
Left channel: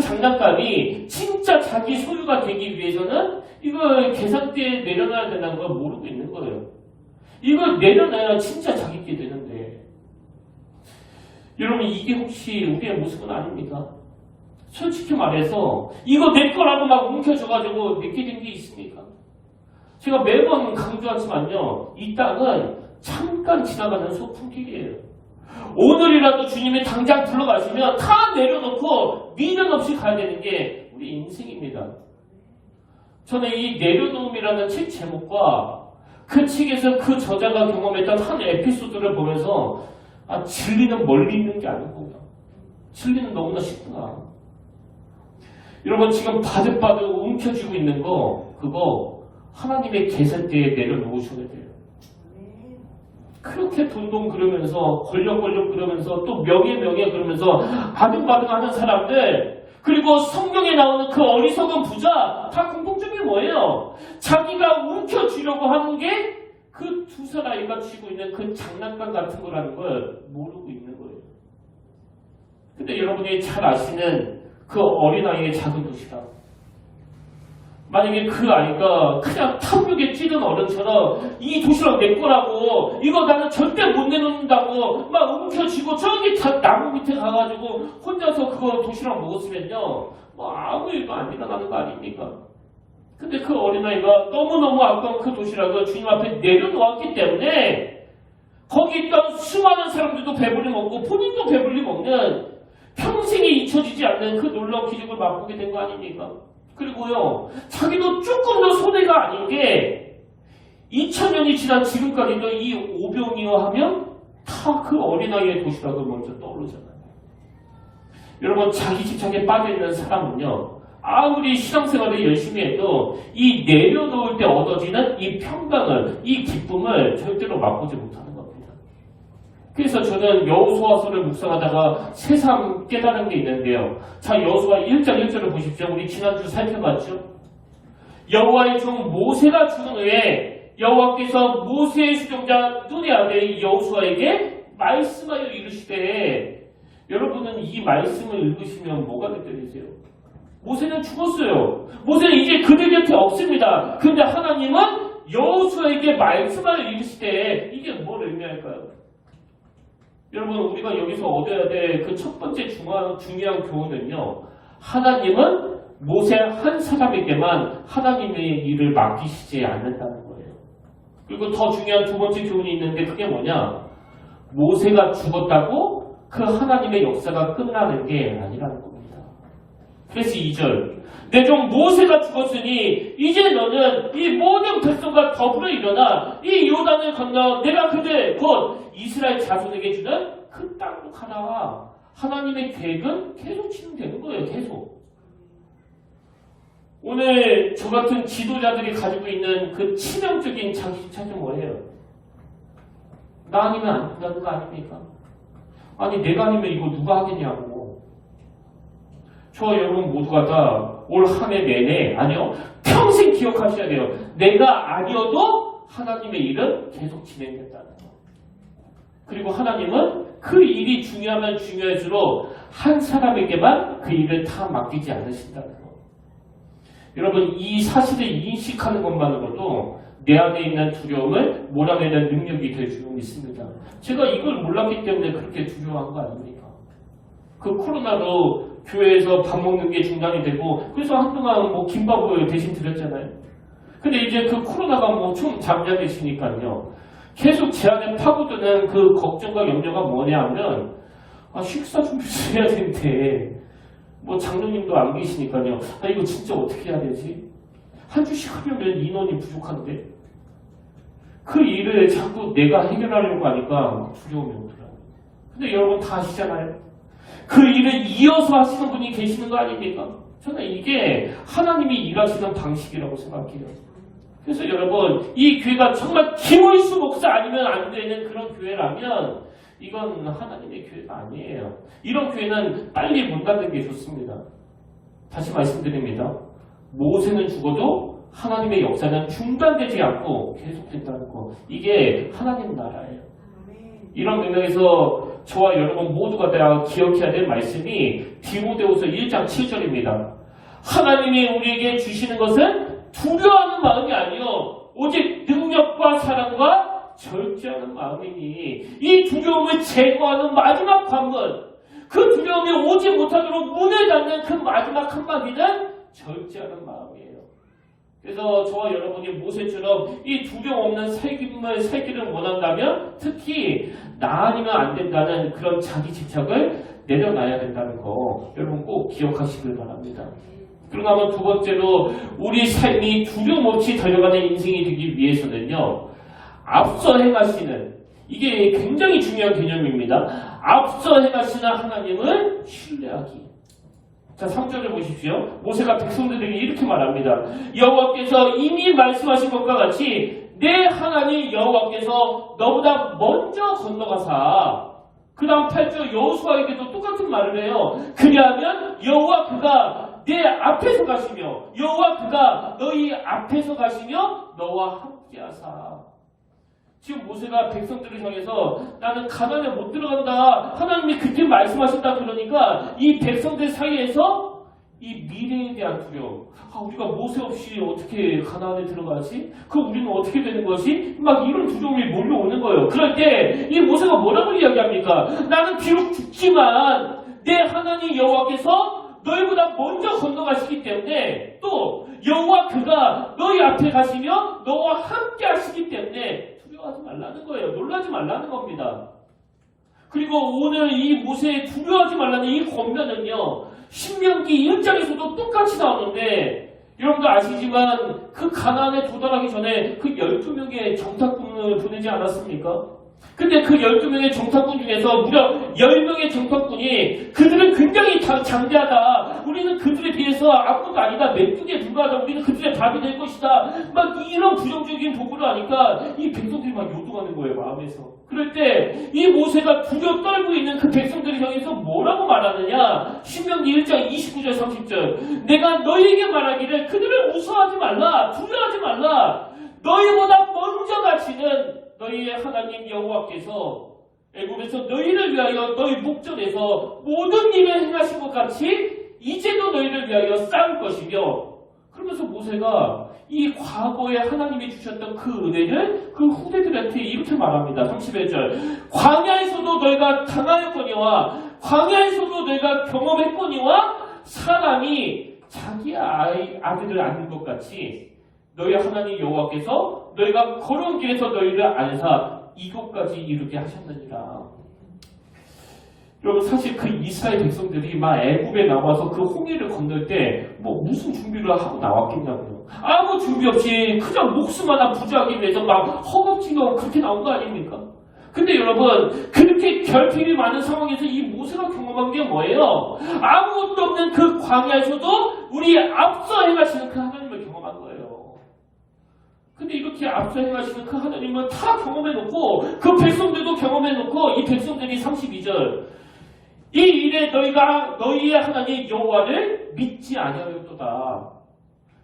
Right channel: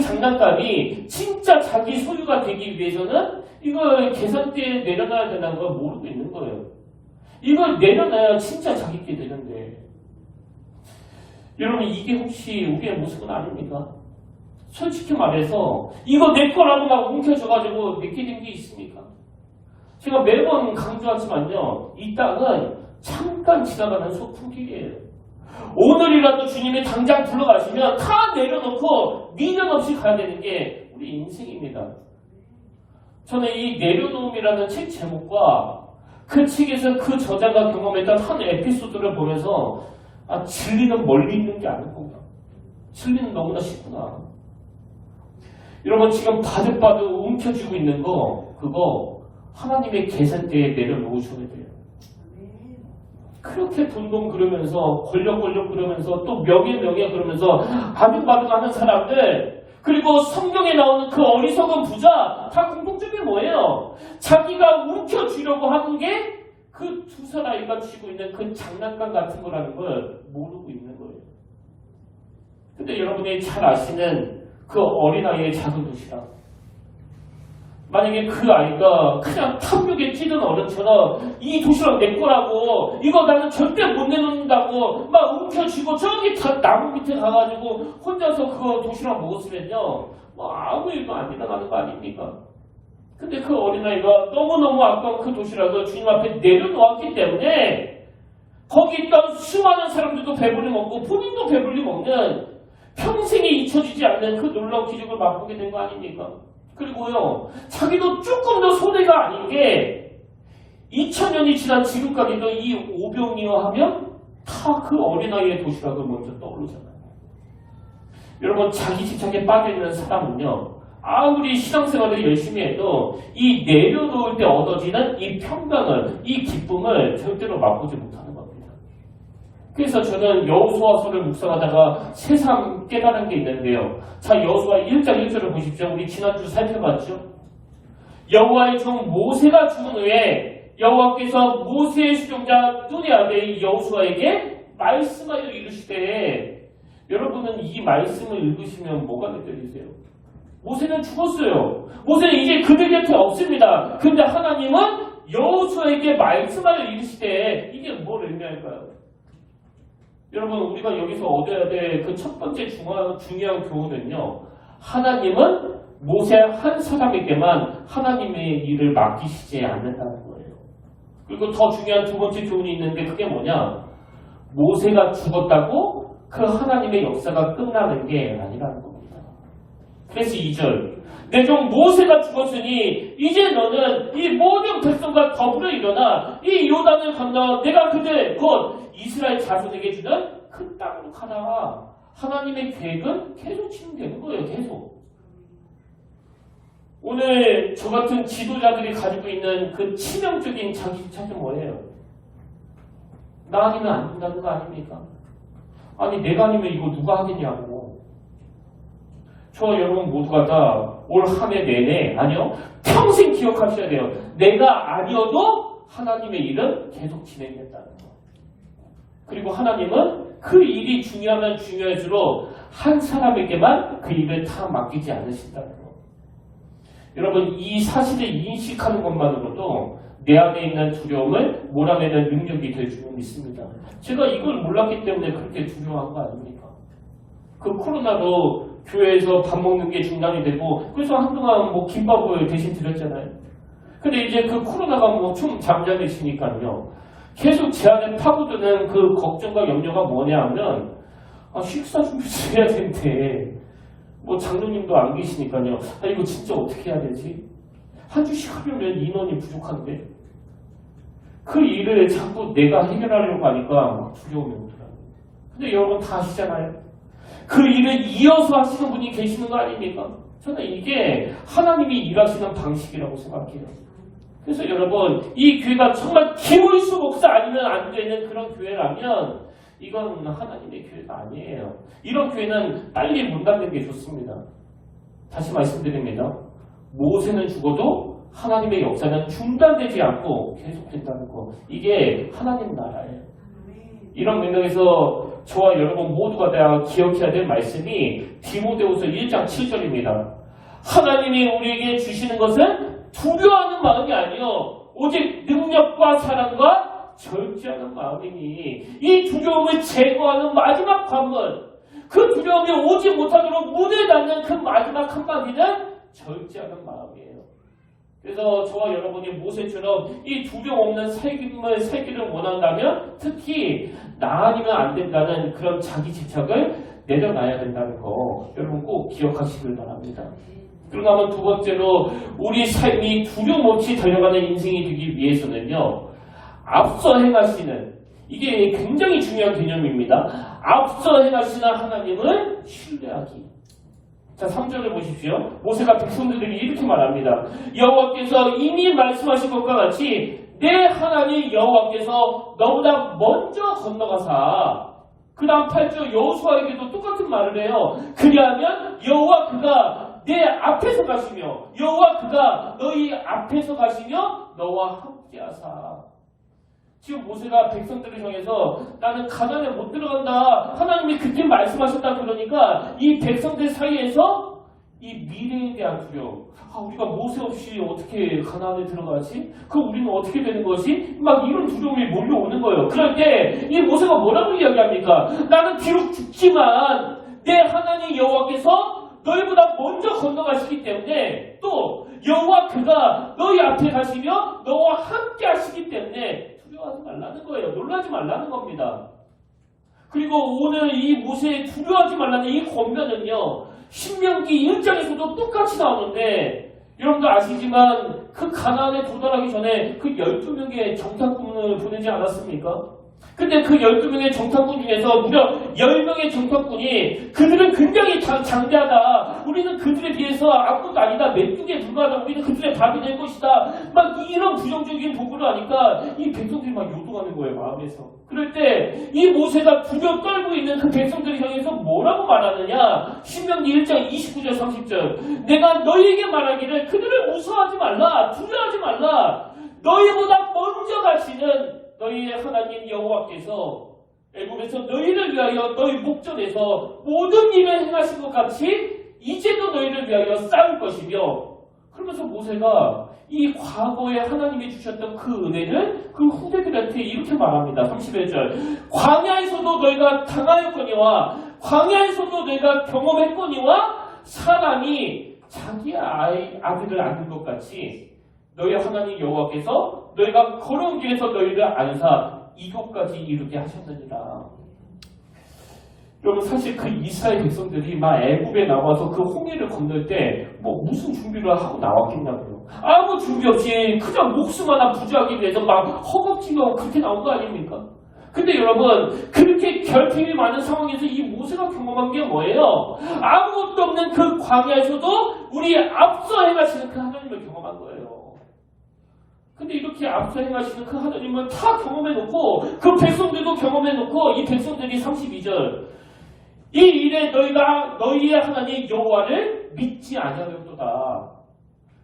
장난감이 진짜 자기 소유가 되기 위해서는 이걸 계산대에 내려놔야 된다는 걸 모르고 있는 거예요. 이걸 내려놔야 진짜 자기께 되는데 여러분 이게 혹시 우리의 모습은 아닙니까? 솔직히 말해서 이거 내 거라고 막 움켜져가지고 내게 된 게 있습니까? 제가 매번 강조하지만요 이 땅은 잠깐 지나가는 소풍길이에요. 오늘이라도 주님이 당장 불러가시면 다 내려놓고 미련 없이 가야 되는 게 우리 인생입니다. 저는 이 내려놓음이라는 책 제목과 그 책에서 그 저자가 경험했던 한 에피소드를 보면서 진리는 멀리 있는 게 아니구나. 진리는 너무나 쉽구나. 여러분 지금 바득바득 움켜쥐고 있는 거 그거 하나님의 계산대에 내려놓으셔야 돼요. 그렇게 돈돈 그러면서 권력 그러면서 또 명예 그러면서 아등바등하는 사람들 그리고 성경에 나오는 그 어리석은 부자 다 공통점이 뭐예요? 자기가 움켜쥐려고 하는 게 그 두 사람이가 쥐고 있는 그 장난감 같은 거라는 걸 모르고 있는 거예요. 근데 여러분이 잘 아시는 그 어린아이의 작은 도시락 만약에 그 아이가 그냥 탐욕에 찌든 어른처럼 이 도시락 내 거라고 이거 나는 절대 못 내놓는다고 막 움켜쥐고 저기 다 나무 밑에 가가지고 혼자서 그거 도시락 먹었으면요 뭐 아무 일도 안 일어나는 거 아닙니까? 근데 그 어린아이가 너무너무 아까운 그 도시락을 주님 앞에 내려놓았기 때문에 거기 있던 수많은 사람들도 배불리 먹고 본인도 배불리 먹는 평생에 잊혀지지 않는 그 놀라운 기적을 맛보게 된 거 아닙니까? 그리고요, 자기도 조금 더 손해가 아닌 게 2000년이 지난 지금까지도 이 오병이어 하면 다 그 어린아이의 도시락을 먼저 떠오르잖아요. 여러분 자기 집착에 빠져있는 사람은요 아무리 신앙생활을 열심히 해도 이 내려놓을 때 얻어지는 이 평강을 이 기쁨을 절대로 맛보지 못하는 겁니다. 그래서 저는 여호수아서를 묵상하다가 새삼 깨달은 게 있는데요. 자, 여호수아 1장 1절을 보십시오. 우리 지난주 살펴봤죠. 여호와의 종 모세가 죽은 후에 여호와께서 모세의 수종자 눈의 아들 여호수아에게 말씀하여 이르시되 여러분은 이 말씀을 읽으시면 뭐가 느껴지세요? 모세는 죽었어요. 모세는 이제 그들 곁에 없습니다. 근데 하나님은 여호수아에게 말씀하여 이르시되 이게 뭘 의미할까요? 여러분 우리가 여기서 얻어야 될 그 첫 번째 중요한 교훈은요. 하나님은 모세 한 사람에게만 하나님의 일을 맡기시지 않는다는 거예요. 그리고 더 중요한 두 번째 교훈이 있는데 그게 뭐냐? 모세가 죽었다고 그 하나님의 역사가 끝나는 게 아니라는 겁니다. 그래서 2절 내 종 모세가 죽었으니 이제 너는 이 모든 백성과 더불어 일어나 이 요단을 건너 내가 그들 곧 이스라엘 자손에게 주는 그 땅으로 가라. 하나님의 계획은 계속 진행되는 거예요. 계속. 오늘 저 같은 지도자들이 가지고 있는 그 치명적인 자기집착은 뭐예요? 나 아니면 안 된다는 거 아닙니까? 아니 내가 아니면 이거 누가 하겠냐고. 저 여러분 모두가 다 올 한 해 내내 아니요 평생 기억하셔야 돼요. 내가 아니어도 하나님의 일은 계속 진행된다는 거. 그리고 하나님은 그 일이 중요하면 중요할수록 한 사람에게만 그 일을 다 맡기지 않으신다는 거. 여러분 이 사실을 인식하는 것만으로도 내 안에 있는 두려움을 몰아내는 능력이 될 줄 믿습니다. 제가 이걸 몰랐기 때문에 그렇게 두려워한 거 아닙니까? 그 코로나로 교회에서 밥 먹는 게 중단이 되고 그래서 한동안 뭐 김밥을 대신 드렸잖아요. 근데 이제 그 코로나가 뭐 좀 잠잠해지니까요. 계속 제 안에 파고드는 그 걱정과 염려가 뭐냐 하면 식사 준비를 해야 되는데 뭐 장로님도 안 계시니까요. 이거 진짜 어떻게 해야 되지? 한 주씩 하려면 인원이 부족한데 그 일을 자꾸 내가 해결하려고 하니까 막 두려움이 오더라고요. 근데 여러분 다 아시잖아요. 그 일을 이어서 하시는 분이 계시는 거 아닙니까? 저는 이게 하나님이 일하시는 방식이라고 생각해요. 그래서 여러분 이 교회가 정말 김의수 목사 아니면 안 되는 그런 교회라면 이건 하나님의 교회가 아니에요. 이런 교회는 빨리 문 닫는 게 좋습니다. 다시 말씀드립니다. 모세는 죽어도 하나님의 역사는 중단되지 않고 계속된다는 거. 이게 하나님 나라예요. 이런 맥락에서 저와 여러분 모두가 다 기억해야 될 말씀이 디모데후서 1장 7절입니다. 하나님이 우리에게 주시는 것은 두려워하는 마음이 아니요 오직 능력과 사랑과 절제하는 마음이니 이 두려움을 제거하는 마지막 관문 그 두려움이 오지 못하도록 문을 닫는 그 마지막 한마디는 절제하는 마음이에요. 그래서 저와 여러분이 모세처럼 이 두려움 없는 삶을 살기를 원한다면 특히 나 아니면 안 된다는 그런 자기 집착을 내려놔야 된다는 거 여러분 꼭 기억하시길 바랍니다. 그리고 아마 두 번째로 우리 삶이 두려움 없이 달려가는 인생이 되기 위해서는요. 앞서 행하시는 이게 굉장히 중요한 개념입니다. 앞서 행하시는 하나님을 신뢰하기. 자, 3절을 보십시오. 모세가 백성들에게 이렇게 말합니다. 여호와께서 이미 말씀하신 것과 같이 내 하나님 여호와께서 너보다 먼저 건너가사 그 다음 8절 여호수아에게도 똑같은 말을 해요. 그리하면 여호와 그가 내 앞에서 가시며 여호와 그가 너희 앞에서 가시며 너와 함께하사. 지금 모세가 백성들을 향해서 나는 가나안에 못 들어간다. 하나님이 그렇게 말씀하셨다 그러니까 이 백성들 사이에서 이 미래에 대한 두려움. 우리가 모세 없이 어떻게 가나안에 들어가지? 우리는 어떻게 되는 것이? 막 이런 두려움이 몰려오는 거예요. 그럴 때 이 모세가 뭐라고 이야기합니까? 나는 비록 죽지만 내 하나님 여호와께서 너희보다 먼저 건너가시기 때문에 또 여호와 그가 너희 앞에 가시며 너와 함께 하시기 때문에 두려워하지 말라는 거예요. 놀라지 말라는 겁니다. 그리고 오늘 이 모세의 두려워하지 말라는 이 권면은요. 신명기 1장에서도 똑같이 나오는데 여러분도 아시지만 그 가나안에 도달하기 전에 그 12명의 정탐꾼을 보내지 않았습니까? 근데 그 12명의 정탐꾼 중에서 무려 10명의 정탐꾼이 그들은 굉장히 장대하다. 우리는 그들에 비해서 아무것도 아니다. 메뚜기에 불과하다. 우리는 그들의 밥이 될 것이다. 막 이런 부정적인 보고를 하니까 이 백성들이 막 요동하는 거예요. 마음에서. 그럴 때 이 모세가 두려워 떨고 있는 그 백성들을 향해서 뭐라고 말하느냐. 신명기 1장 29절 30절 내가 너희에게 말하기를 그들을 무서워하지 말라. 두려워하지 말라. 너희보다 먼저 가시는 너희의 하나님 여호와께서 애굽에서 너희를 위하여 너희 목전에서 모든 일을 행하신 것 같이 이제도 너희를 위하여 싸울 것이며 그러면서 모세가 이 과거에 하나님이 주셨던 그 은혜를 그 후대들한테 이렇게 말합니다. 31절 광야에서도 너희가 당하였거니와 광야에서도 너희가 경험했거니와 사람이 자기 아들을 안는 것 같이 너희 하나님 여호와께서 너희가 걸어온 길에서 너희를 안사 이곳까지 이르게 하셨느니라. 여러분 사실 그 이스라엘 백성들이 막 애굽에 나와서 그 홍해를 건널 때 뭐 무슨 준비를 하고 나왔겠냐고요. 아무 준비 없이 그냥 목숨 하나 부지하기 위해서 막 허겁지겁 그렇게 나온 거 아닙니까? 근데 여러분 그렇게 결핍이 많은 상황에서 이 모세가 경험한 게 뭐예요? 아무것도 없는 그 광야에서도 우리 앞서 행하시는 그 하나님을 경험한 거예요. 근데 이렇게 앞서 행하시는 그 하나님은 다 경험해놓고 그 백성들도 경험해놓고 이 백성들이 32절 이 일에 너희가 너희의 하나님 여호와를 믿지 아니하였도다.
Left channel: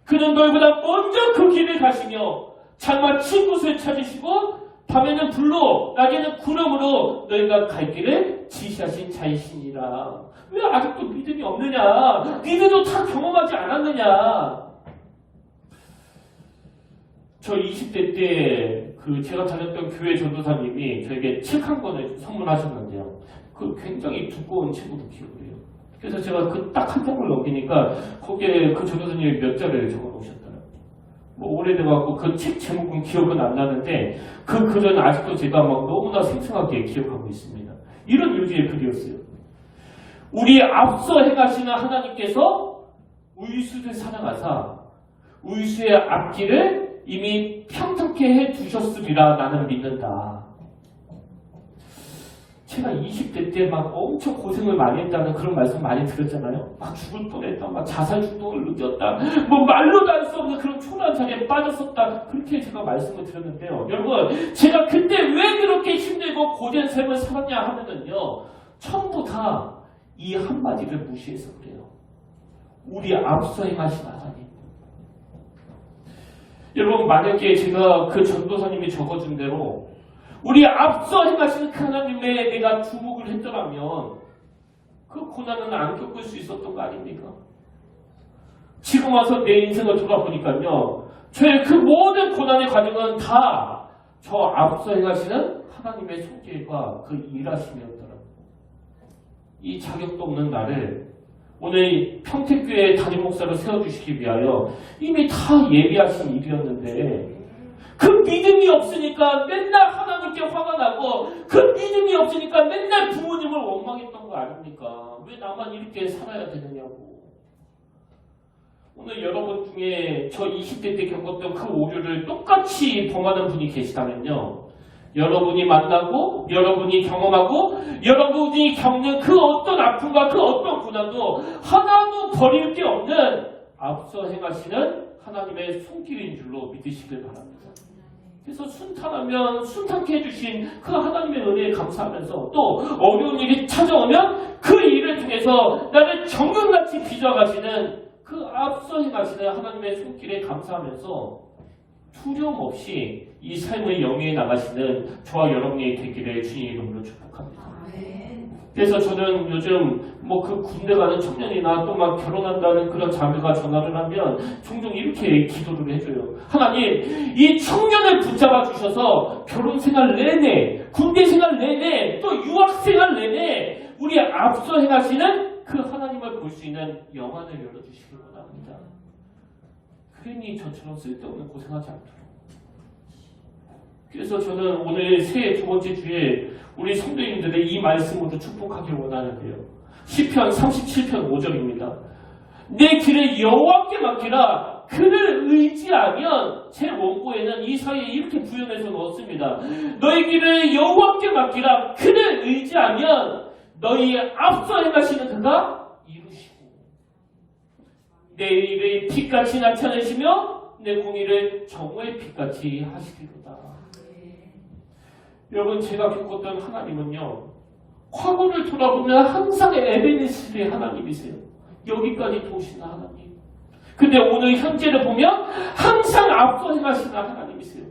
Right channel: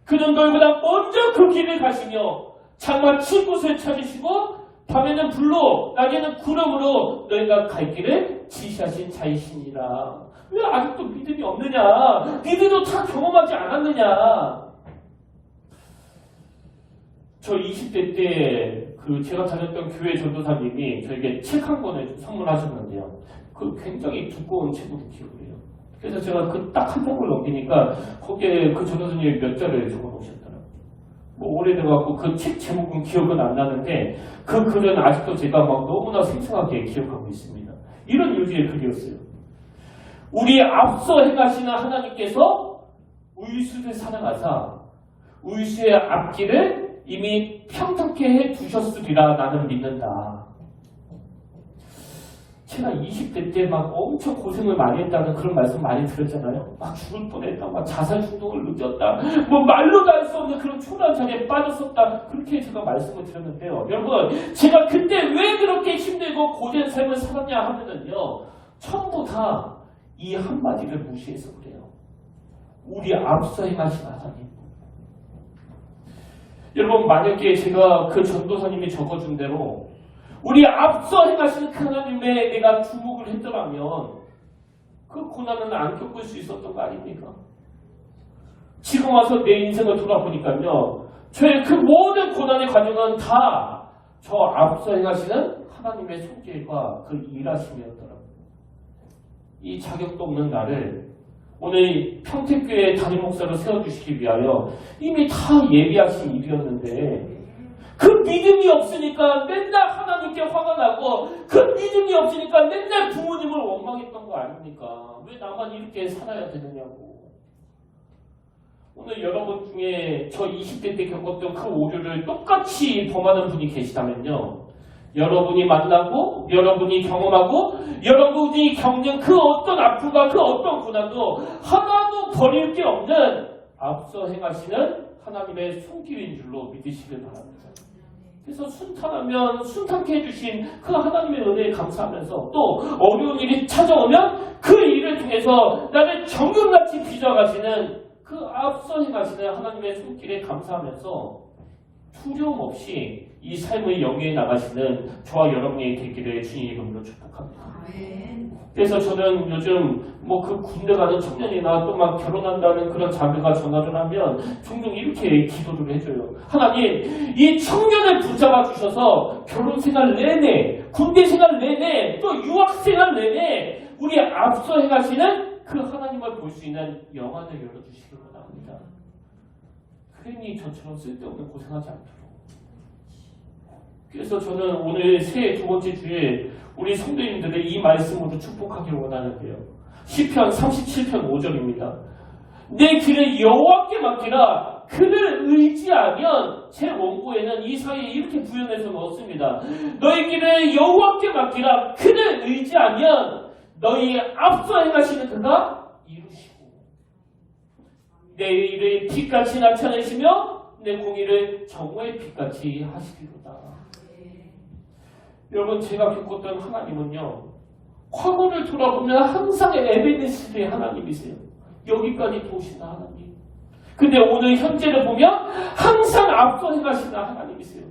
그는 너희보다 먼저 그 길을 가시며 장마 친 곳을 찾으시고 밤에는 불로 낮에는 구름으로 너희가 갈 길을 지시하신 자이시니라. 왜 아직도 믿음이 없느냐? 니들도 다 경험하지 않았느냐? 저 20대 때 제가 다녔던 교회 전도사님이 저에게 책 한 권을 선물하셨는데요. 굉장히 두꺼운 책으로 기억을 해요. 그래서 제가 딱 한 장을 넘기니까 거기에 그 전도사님이 몇 자를 적어 놓으셨더라고요. 뭐 오래돼갖고 그 책 제목은 기억은 안 나는데 그 글은 아직도 제가 막 너무나 생생하게 기억하고 있습니다. 이런 유지의 글이었어요. 우리 앞서 행하시는 하나님께서 우유수를 사랑하사 우유수의 앞길을 이미 평탄케 해 두셨으리라 나는 믿는다. 제가 20대 때 막 엄청 고생을 많이 했다는 그런 말씀 많이 들었잖아요. 막 죽을 뻔했다, 막 자살 충동을 느꼈다, 뭐 말로도 할 수 없는 그런 초라한 자리에 빠졌었다. 그렇게 제가 말씀을 드렸는데요. 여러분, 제가 그때 왜 그렇게 힘들고 고된 삶을 살았냐 하면은요, 전부 다 이 한마디를 무시해서 그래요. 우리 앞서 행하신 하나님. 여러분, 만약에 제가 그 전도사님이 적어준 대로 우리 앞서 행하시는 그 하나님에 내가 주목을 했더라면 그 고난은 안 겪을 수 있었던 거 아닙니까? 지금 와서 내 인생을 돌아보니까요. 저의 그 모든 고난의 과정은 다 저 앞서 행하시는 하나님의 손길과 그 일하심이었더라고요. 이 자격도 없는 나를 오늘 이 평택교회 담임 목사로 세워주시기 위하여 이미 다 예비하신 일이었는데 그 믿음이 없으니까 맨날 하나님께 화가 나고 그 믿음이 없으니까 맨날 부모님을 원망했던 거 아닙니까? 왜 나만 이렇게 살아야 되느냐고. 오늘 여러분 중에 저 20대 때 겪었던 그 오류를 똑같이 범하는 분이 계시다면요. 여러분이 만나고 여러분이 경험하고 여러분이 겪는 그 어떤 아픔과 그 어떤 고난도 하나도 버릴 게 없는 앞서 행하시는 하나님의 손길인 줄로 믿으시길 바랍니다. 그래서 순탄하면 순탄케 해주신 그 하나님의 은혜에 감사하면서 또 어려운 일이 찾아오면 그 일을 통해서 나를 정금같이 빚어가시는 그 앞서 행하시는 하나님의 손길에 감사하면서 두려움 없이 이 삶의 영위에 나가시는 저와 여러분이 되기를 주님의 이름으로 축복합니다. 그래서 저는 요즘 뭐 그 군대 가는 청년이나 또 막 결혼한다는 그런 자매가 전화를 하면 종종 이렇게 기도를 해줘요. 하나님, 이 청년을 붙잡아 주셔서 결혼 생활 내내, 군대 생활 내내, 또 유학 생활 내내 우리 앞서 행하시는 그 하나님을 볼 수 있는 영안을 열어주시길 원합니다. 괜히 저처럼 쓸데없는 고생하지 않도록. 그래서 저는 오늘 새해 두 번째 주에 우리 성도님들의 이 말씀으로 축복하길 원하는데요. 시편 37편 5절입니다. 내 길을 여호와께 맡기라. 그를 의지하면, 제 원고에는 이 사이에 이렇게 구현해서 넣었습니다. 너희 길을 여호와께 맡기라. 그를 의지하면 너희 앞서 행하시는 그가 이루시고 내 일을 빛같이 나타내시며 내 공의를 정오의 빛같이 하시리로다. 여러분, 제가 겪었던 하나님은요, 과거를 돌아보면 항상 에베네스의 하나님이세요. 여기까지 도우시는 하나님. 근데 오늘 현재를 보면 항상 앞서 행하시는 하나님이세요.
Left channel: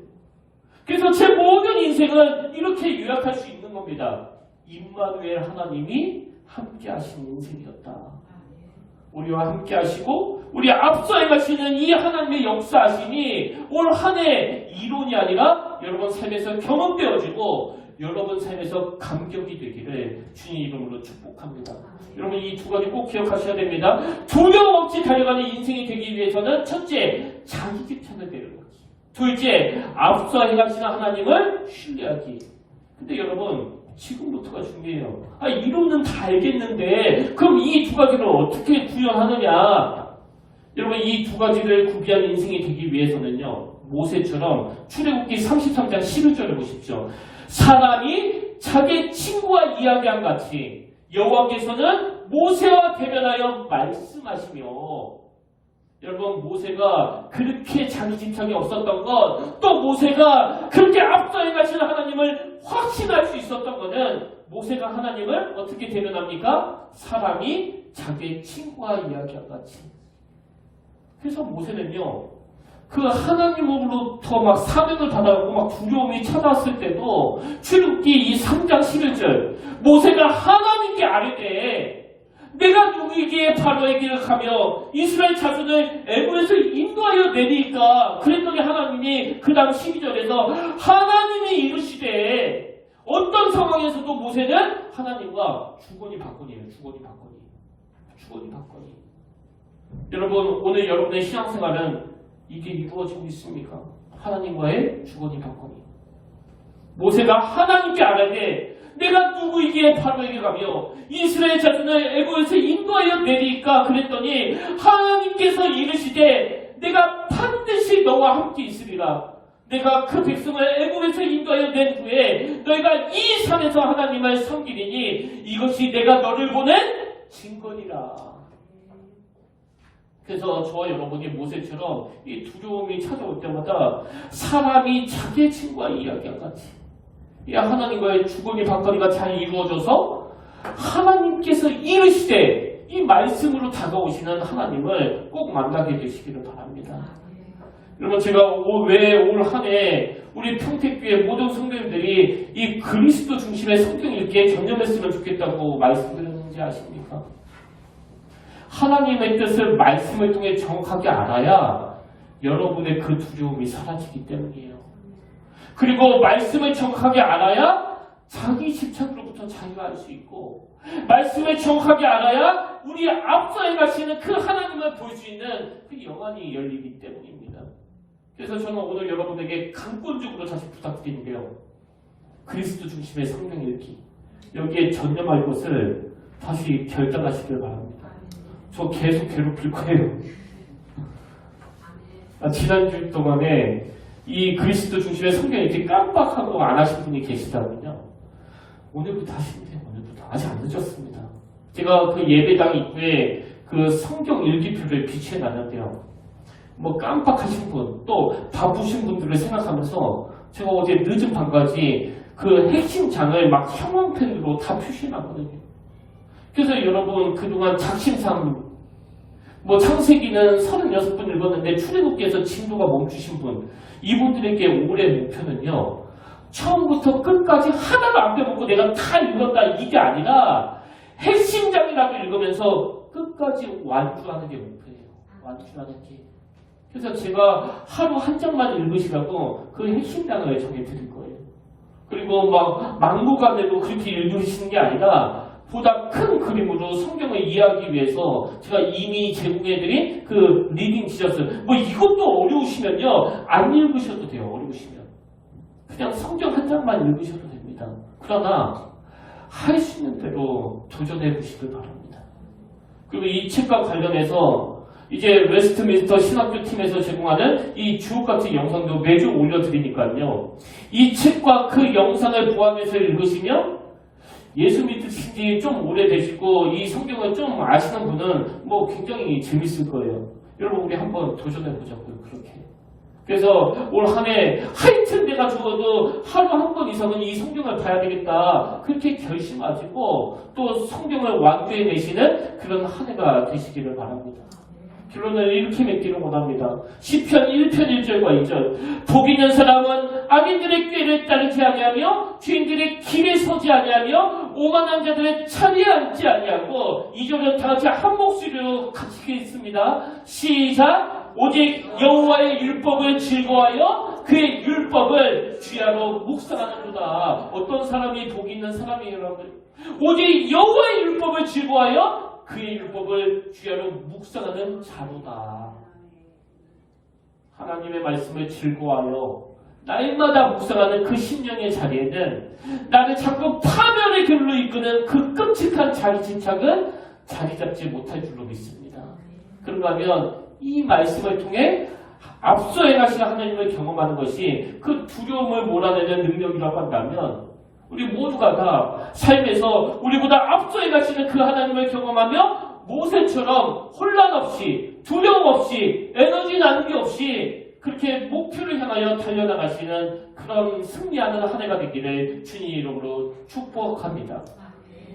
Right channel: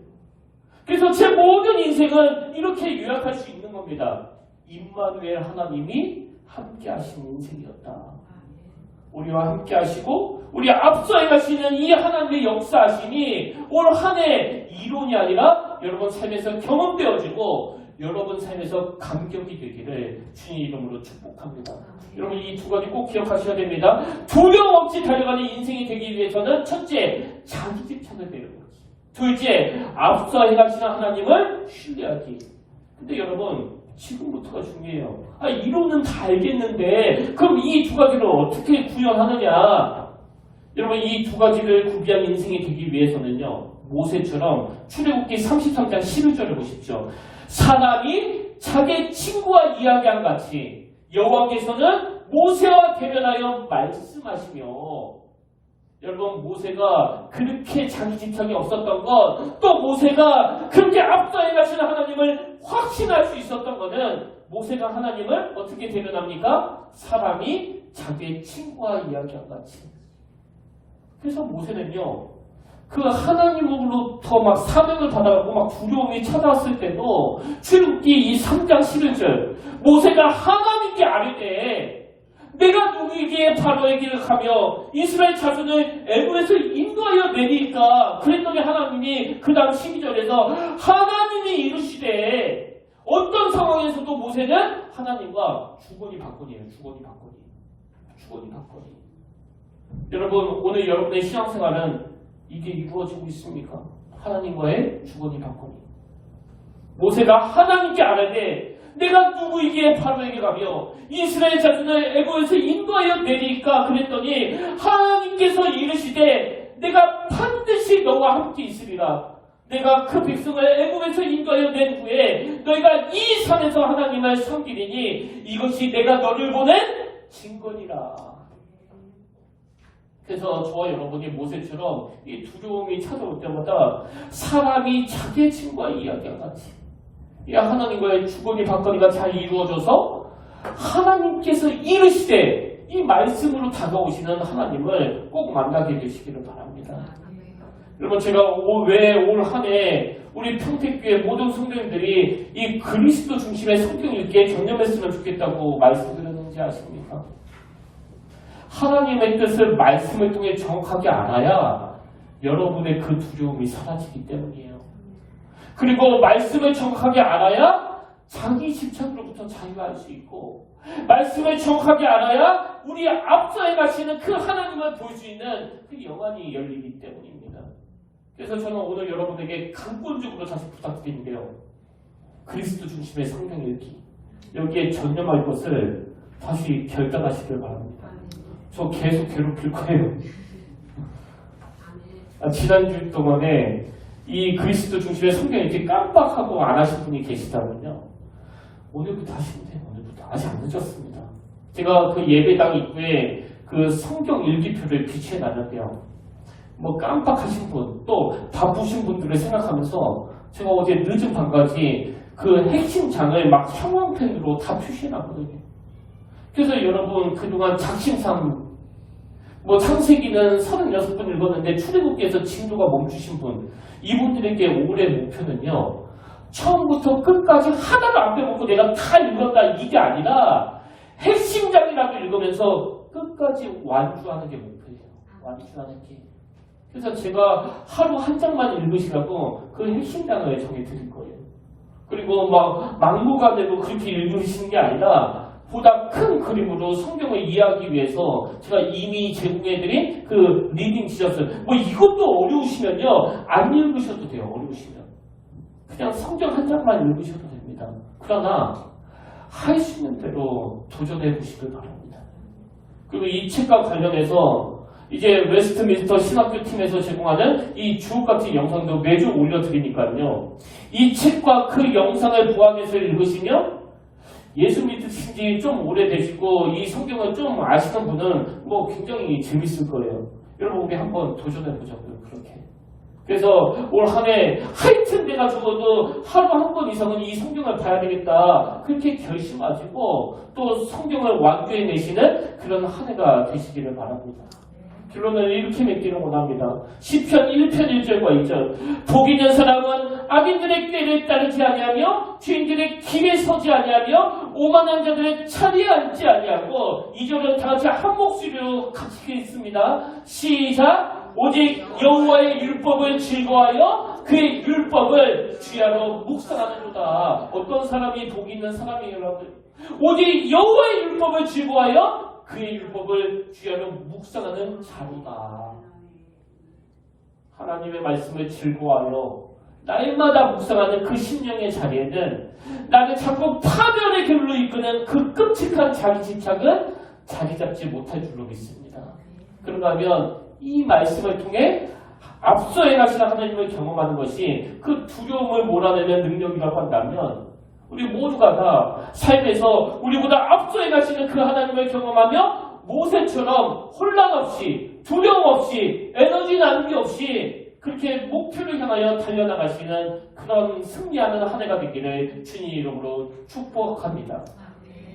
그래서 제 모든 인생은 이렇게 요약할 수 있는 겁니다. 임마누엘 하나님이 함께 하시는 인생이었다. 우리와 함께 하시고 우리 앞서 행하시는 이 하나님의 역사하시니 올 한 해 이론이 아니라 여러분 삶에서 경험되어지고 여러분 삶에서 감격이 되기를 주님 이름으로 축복합니다. 여러분 이 두 가지 꼭 기억하셔야 됩니다. 두려움 없이 달려가는 인생이 되기 위해서는 첫째, 자기 집착을 배우기. 둘째, 앞서 행하시는 하나님을 신뢰하기. 근데 여러분 지금부터가 중요해요. 이론은 다 알겠는데 그럼 이 두 가지를 어떻게 구현하느냐. 여러분 이 두 가지를 구비한 인생이 되기 위해서는요, 모세처럼 출애굽기 33장 11절을 보십시오. 사람이 자기 친구와 이야기한 같이 여호와께서는 모세와 대면하여 말씀하시며, 여러분 모세가 그렇게 자기 집착이 없었던 것, 또 모세가 그렇게 앞서 행하시는 하나님을 확신할 수 있었던 것은 모세가 하나님을 어떻게 대면합니까? 사람이 자기 친구와 이야기한 같이. 그래서 모세는요, 그 하나님으로부터 막 사명을 받아가고 막 두려움이 찾아왔을 때도 출애굽기 이 3장 11절 모세가 하나님께 아뢰되 내가 누구에게 바로에게를 가며 이스라엘 자손을 애굽에서 인도하여 내리까. 그랬더니 하나님이 그 다음 12절에서 하나님이 이르시되, 어떤 상황에서도 모세는 하나님과 주거니 받거니예요. 주거니 받거니. 여러분 오늘 여러분의 신앙생활은 이게 이루어지고 있습니까? 하나님과의 주거니 받거니. 모세가 하나님께 아뢰되 내가 누구에게 바로에게 가며 이스라엘 자손을 애굽에서 인도하여 내리까. 그랬더니 하나님께서 이르시되 내가 반드시 너와 함께 있으리라. 내가 그 백성을 애굽에서 인도하여 낸 후에 너희가 이 산에서 하나님을 섬기리니 이것이 내가 너를 보낸 증거니라. 그래서 저와 여러분이 모세처럼 이 두려움이 찾아올 때마다 사람이 자기의 친구와 이야기와 같이 이 하나님과의 주거니 받거니가 잘 이루어져서 하나님께서 이르시되 이 말씀으로 다가오시는 하나님을 꼭 만나게 되시기를 바랍니다. 여러분 제가 왜 올 한 해 우리 평택교회 모든 성도님들이 이 그리스도 중심의 성경 읽기에 전념했으면 좋겠다고 말씀드렸는지 아십니까? 하나님의 뜻을 말씀을 통해 정확하게 알아야 여러분의 그 두려움이 사라지기 때문이에요. 그리고 말씀을 정확하게 알아야 자기 집착으로부터 자유할 수 있고, 말씀을 정확하게 알아야 우리 앞서 행하시는 그 하나님을 볼 수 있는 그 영안이 열리기 때문입니다. 그래서 저는 오늘 여러분에게 근본적으로 다시 부탁드리는데요, 그리스도 중심의 성경 읽기, 여기에 전념할 것을 다시 결단하시길 바랍니다. 저 계속 괴롭힐 거예요. 지난주 동안에 이 그리스도 중심의 성경 이렇게 깜빡하고 안 하신 분이 계시다면요. 오늘부터 하시면 돼요. 오늘부터. 아직 안 늦었습니다. 제가 그 예배당 입구에 그 성경 일기표를 비치해 놨는데요. 뭐 깜빡하신 분, 또 바쁘신 분들을 생각하면서 제가 어제 늦은 밤까지 그 핵심 장을 막 형광펜으로 다 표시해 놨거든요. 그래서 여러분 그동안 작심삼 뭐 창세기는 36번 읽었는데 출애굽기에서 진도가 멈추신 분, 이분들에게 올해 목표는요, 처음부터 끝까지 하나도 안 빼먹고 내가 다 읽었다 이게 아니라 핵심장이라도 읽으면서 끝까지 완주하는 게 목표예요. 완주하는 게. 그래서 제가 하루 한 장만 읽으시라고 그 핵심장을 정해드릴 거예요. 그리고 막 막무가내로 그렇게 읽으시는 게 아니라 보다 큰 그림으로 성경을 이해하기 위해서 제가 이미 제공해드린 그 리딩 지저스 뭐 이것도 어려우시면요 안 읽으셔도 돼요. 어려우시면 그냥 성경 한 장만 읽으셔도 됩니다. 그러나 할 수 있는 대로 도전해 보시길 바랍니다. 그리고 이 책과 관련해서 이제 웨스트민스터 신학교 팀에서 제공하는 이 주옥 같은 영상도 매주 올려드리니까요. 이 책과 그 영상을 보완해서 읽으시면 예수 믿으신 지 좀 오래되시고 이 성경을 좀 아시는 분은 뭐 굉장히 재밌을 거예요. 여러분 우리 한번 도전해보자고요. 그렇게. 그래서 올 한 해 하여튼 내가 죽어도 하루 한 번 이상은 이 성경을 봐야 되겠다. 그렇게 결심하시고 또 성경을 완주해내시는 그런 한 해가 되시기를 바랍니다. 결론을 이렇게 맺기를 원합니다. 시편 1편 1절과 2절. 복 있는 사람은 악인들의 꾀를 따르지 아니하며 죄인들의 길에 서지 아니하며 오만한 자들의 자리에 앉지 아니하고 2절은 다같이 한 목소리로 같이 읽습니다. 시작. 오직 여호와의 율법을 즐거워하여 그의 율법을 주야로 묵상하는도다. 어떤 사람이 복 있는 사람이에요, 여러분? 오직 여호와의 율법을 즐거워하여 그의 율법을 주야로 묵상하는 자로다. 하나님의 말씀을 즐거워하여 날마다 묵상하는 그 심령의 자리에는 나를 자꾸 파멸의 길로 이끄는 그 끔찍한 자기 집착은 자리 잡지 못할 줄로 믿습니다. 그런가 하면 이 말씀을 통해 앞서 행하시는 하나님을 경험하는 것이 그 두려움을 몰아내는 능력이라고 한다면 우리 모두가 다 삶에서 우리보다 앞서 행하시는 그 하나님을 경험하며 모세처럼 혼란 없이 두려움 없이 에너지 나누기 없이 그렇게 목표를 향하여 달려나가시는 그런 승리하는 한 해가 되기를 주님 이름으로 축복합니다.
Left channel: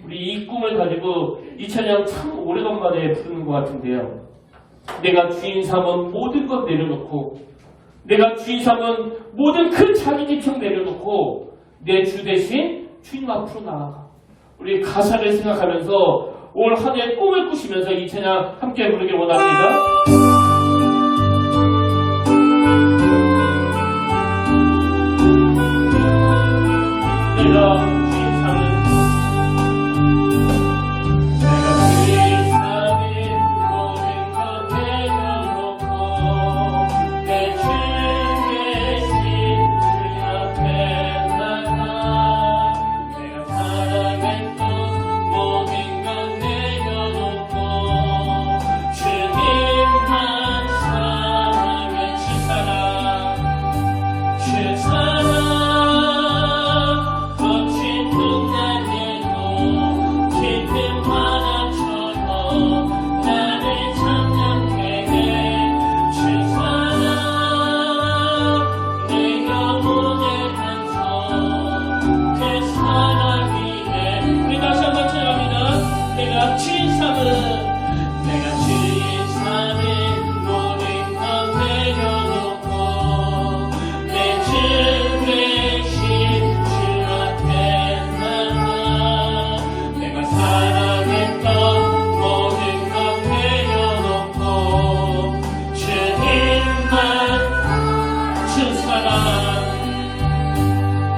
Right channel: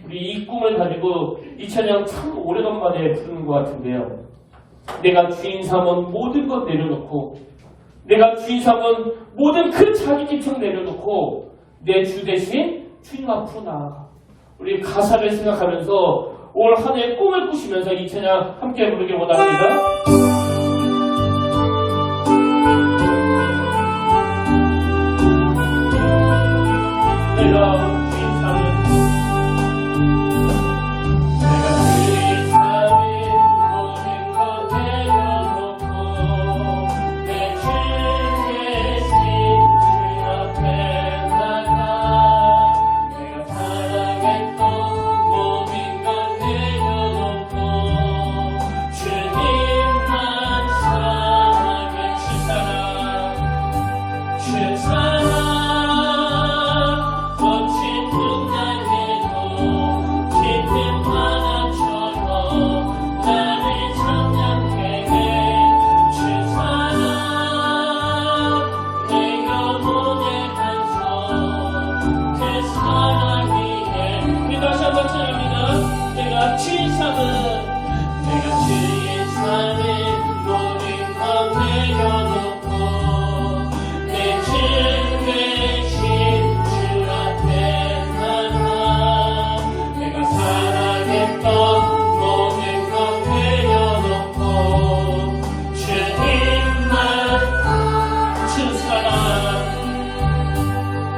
우리 이 꿈을 가지고 이 찬양 참 오래간만에 부르는 것 같은데요. 내가 주인 삼은 모든 것 내려놓고 내가 주인 삼은 모든 그 자기 집착 내려놓고 내 주 대신 주님 앞으로 나아가. 우리 가사를 생각하면서 올 한 해 꿈을 꾸시면서 이 찬양 함께 부르길 원합니다. 내가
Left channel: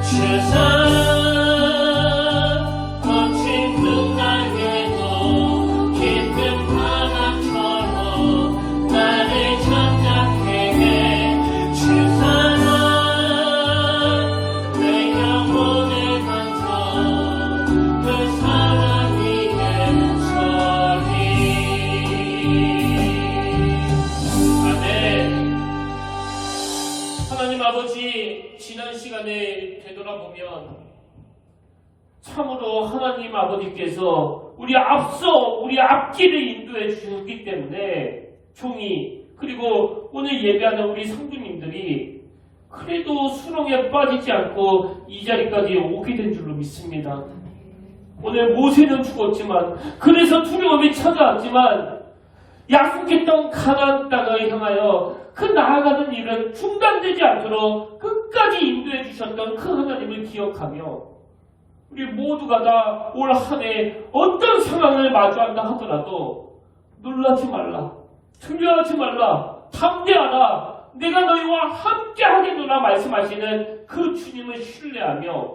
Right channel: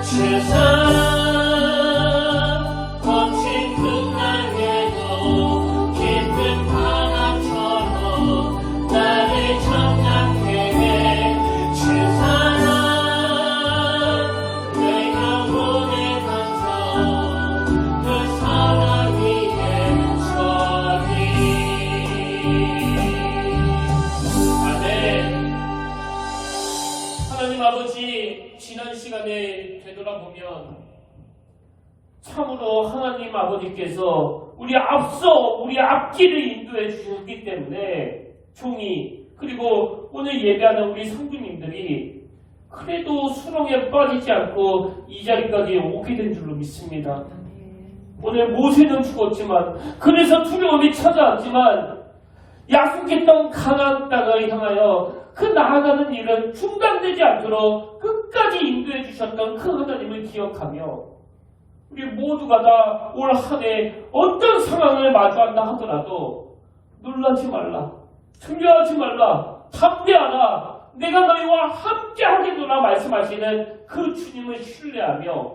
주인 삼은 거친 그 날에도 깊은 보면 참으로 하나님 아버지께서 우리 앞길을 인도해 주셨기 때문에 종이 그리고 오늘 예배하는 우리 성도님들이 그래도 수렁에 빠지지 않고 이 자리까지 오게 된 줄로 믿습니다. 오늘 모세는 죽었지만 그래서 두려움이 찾아왔지만 약속했던 가나안 땅을 향하여 그 나아가는 일은 중단되지 않도록 끝까지 인도해 주셨던 그 하나님을 기억하며 우리 모두가 다 올 한 해 어떤 상황을 마주한다 하더라도 놀라지 말라, 두려워하지 말라, 담대하라, 내가 너희와 함께 하겠노라 말씀하시는 그 주님을 신뢰하며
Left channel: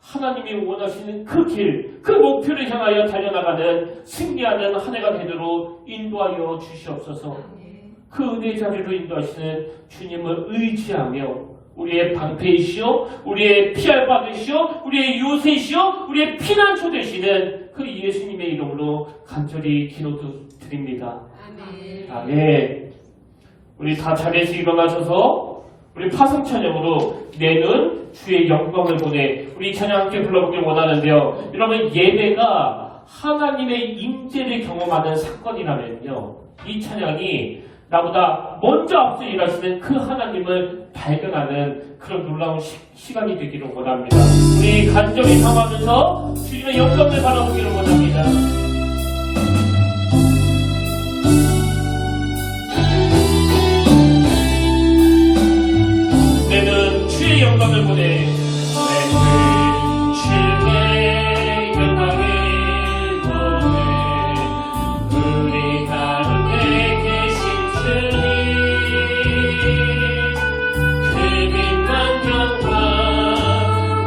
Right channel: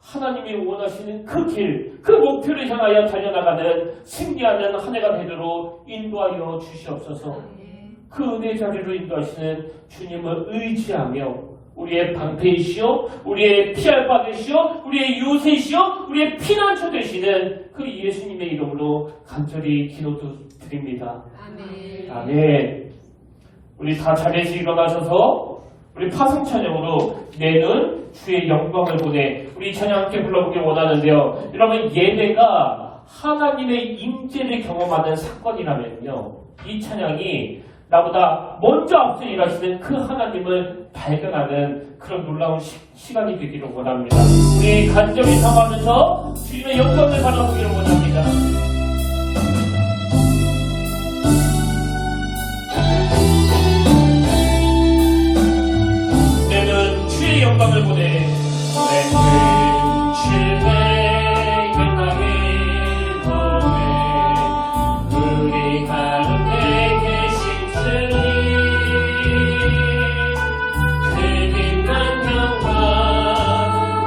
하나님이 원하시는 그 길, 그 목표를 향하여 달려나가는 승리하는 한 해가 되도록 인도하여 주시옵소서. 그 은혜 자리로 인도하시는 주님을 의지하며 우리의 방패이시오, 우리의 피할 바되시오, 우리의 요새시오, 우리의 피난처 되시는 그 예수님의 이름으로 간절히 기도드립니다. 아멘. 우리 다 자리에서 일어나셔서 우리 파송 찬양으로 내는 주의 영광을 보내 우리 찬양 함께 불러보길 원하는데요. 여러분 예배가 하나님의 임재를 경험하는 사건이라면요. 이 찬양이 나보다 먼저 앞서 일하시는 그 하나님을 발견하는 그런 놀라운 시간이 되기를 원합니다. 우리 간절히 삼하면서 주님의 영광을 바라보기를 원합니다. 내는 주의 영광을 보내 주의 영광을 보내 우리 가운데 계신 주님 그 빛난 영광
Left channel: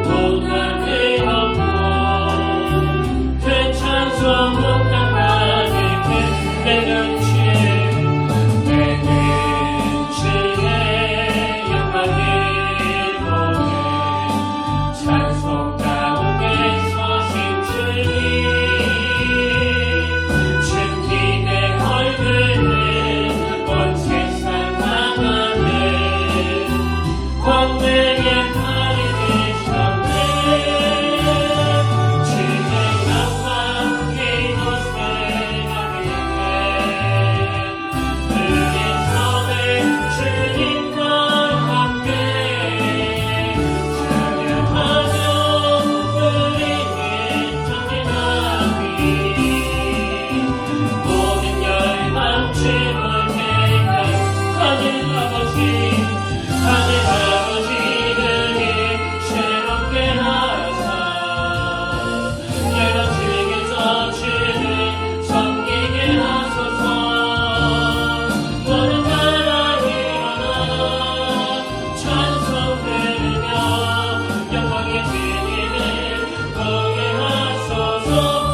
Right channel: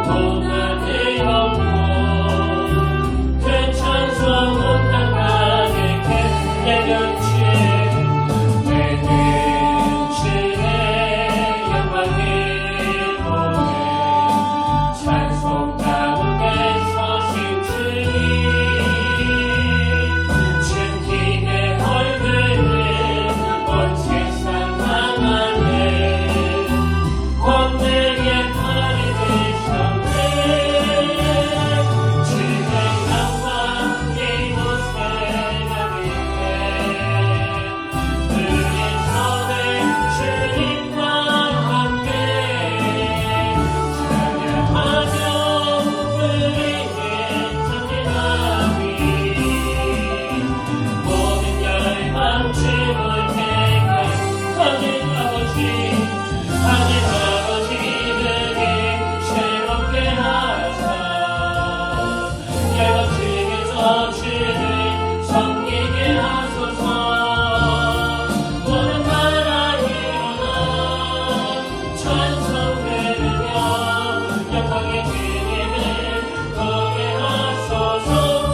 온 하늘 엎고 그 찬송 온 땅 가득해 내는 주의 영광을 찬송 가운데 서신 주님 주님의 얼굴을 온 세상 망하네 광대의 팔이 되셨네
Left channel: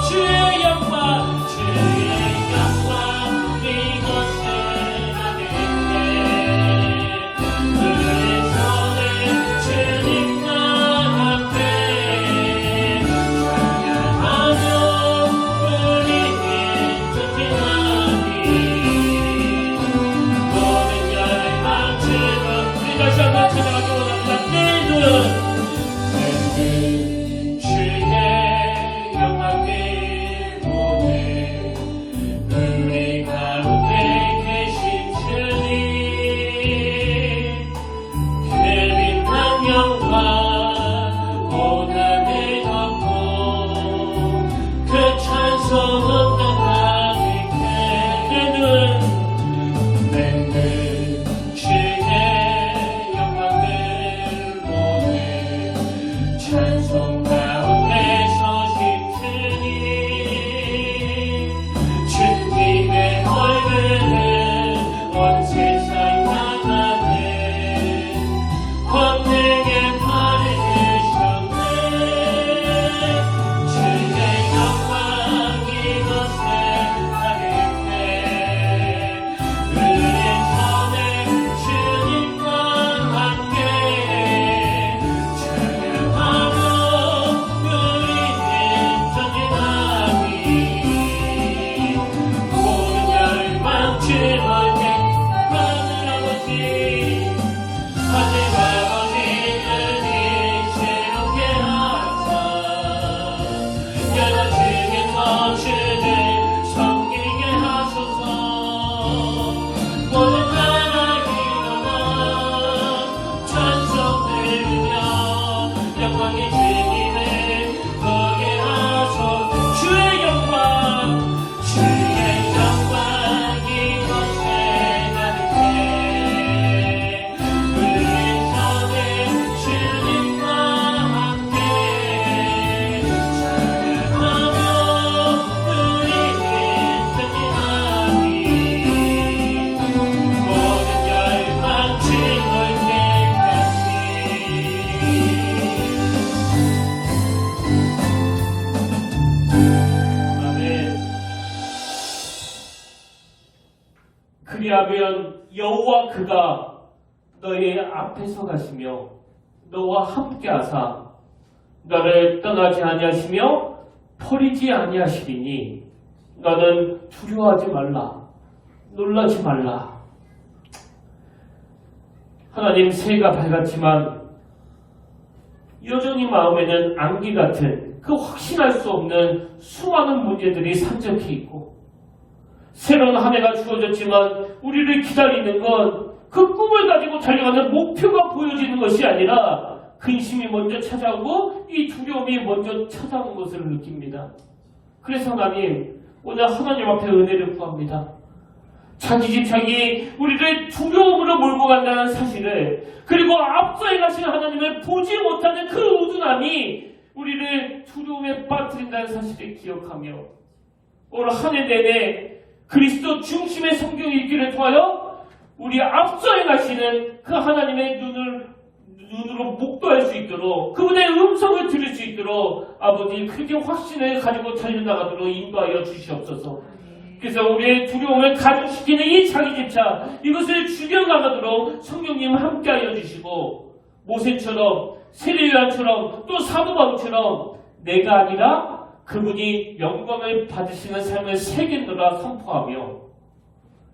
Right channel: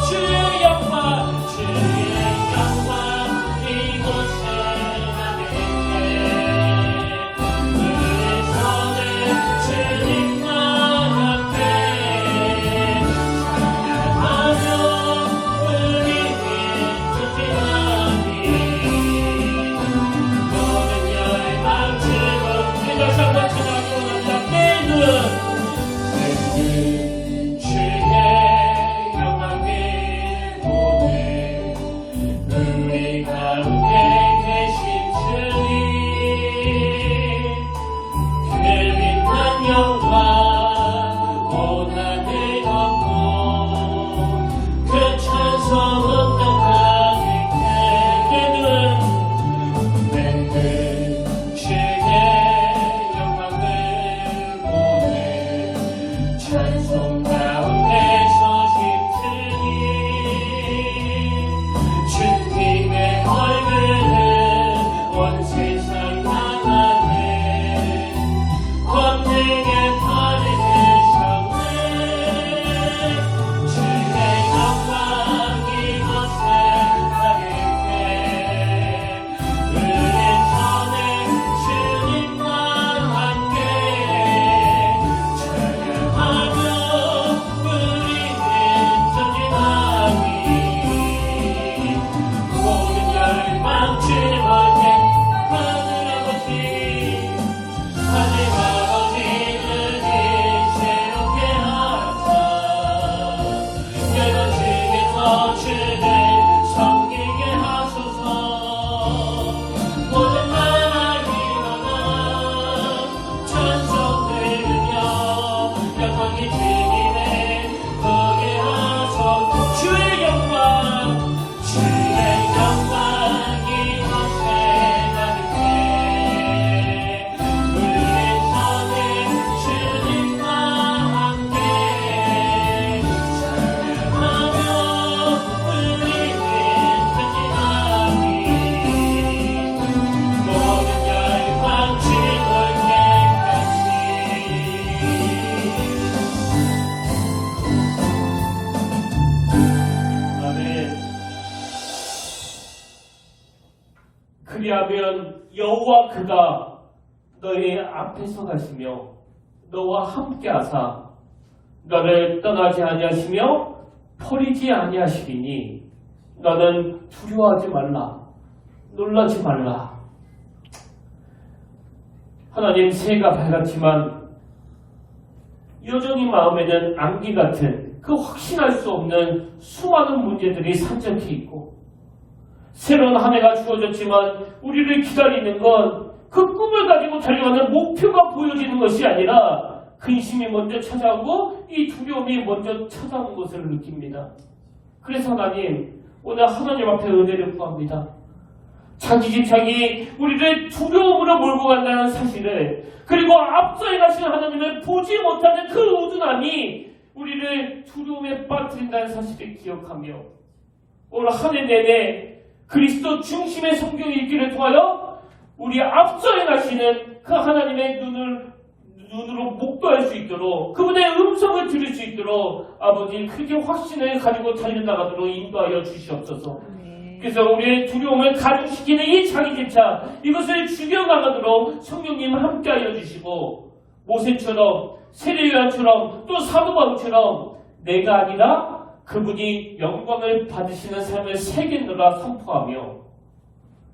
주의 영광 이곳에 나겠네 그의 손에 주님과 함께 주의 영광을 그리하면 여호와 그가 너의 앞에서 가시며 너와 함께 하사 너를 떠나지 아니하시며 버리지 아니하시리니 너는 두려워하지 말라, 놀라지 말라. 하나님, 새해가 밝았지만 여전히 마음에는 안개 같은 그 확신할 수 없는 수많은 문제들이 산적해 있고, 새로운 한 해가 주어졌지만 우리를 기다리는 건 그 꿈을 가지고 달려가는 목표가 보여지는 것이 아니라 근심이 먼저 찾아오고 이 두려움이 먼저 찾아오는 것을 느낍니다. 그래서 하나님, 오늘 하나님 앞에 은혜를 구합니다. 자기집착이 우리를 두려움으로 몰고 간다는 사실을, 그리고 앞서에 가신 하나님을 보지 못하는 그 우둔함이 우리를 두려움에 빠뜨린다는 사실을 기억하며 오늘 한 해 내내 그리스도 중심의 성경 읽기를 통하여 우리 앞서에 가시는 그 하나님의 눈으로 목도할 수 있도록, 그분의 음성을 들을 수 있도록 아버지 그렇게 확신을 가지고 달려나가도록 인도하여 주시옵소서. 그래서 우리의 두려움을 가중시키는 이 자기집착, 이것을 죽여나가도록 성령님 함께하여 주시고, 모세처럼 세례요한처럼 또 사도바울처럼 내가 아니라 그분이 영광을 받으시는 삶을 새기노라 선포하며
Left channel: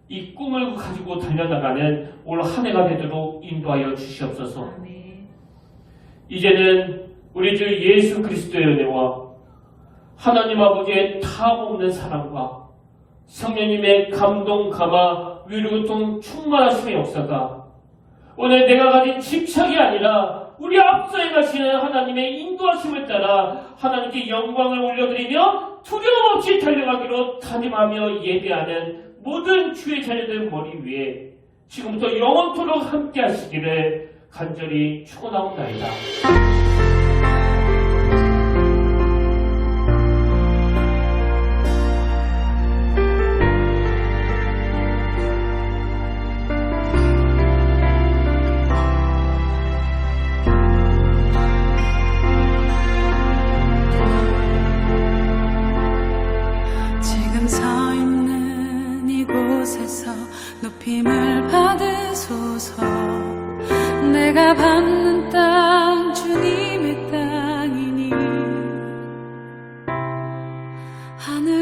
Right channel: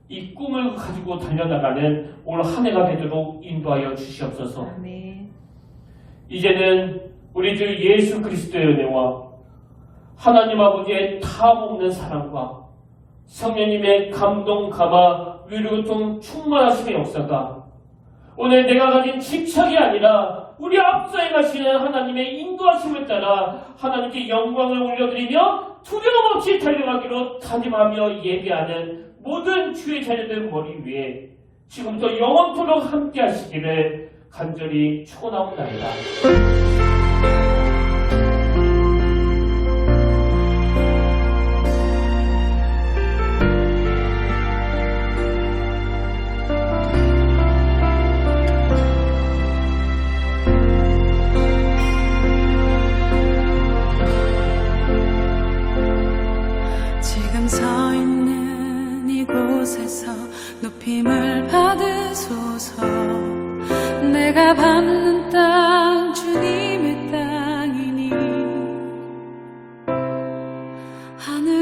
이 꿈을 가지고 달려나가는 올 한 해가 되도록 인도하여 주시옵소서. 아멘. 이제는 우리 주 예수 그리스도의 은혜와 하나님 아버지의 타없는 사랑과 성령님의 감동, 감화, 위로, 고통, 충만하심의 역사가 오늘 내가 가진 집착이 아니라 우리 앞서에 가시는 하나님의 인도하심을 따라 하나님께 영광을 올려드리며 두려움 없이 달려가기로 다짐하며 예배하는 모든 주의 자녀들 머리 위에 지금부터 영원토록 함께 하시기를 간절히 축원하옵나이다. 지금 서 있는 이곳에서 높임을 받으소서. 내가 밟는 땅 주님의 땅이니 하늘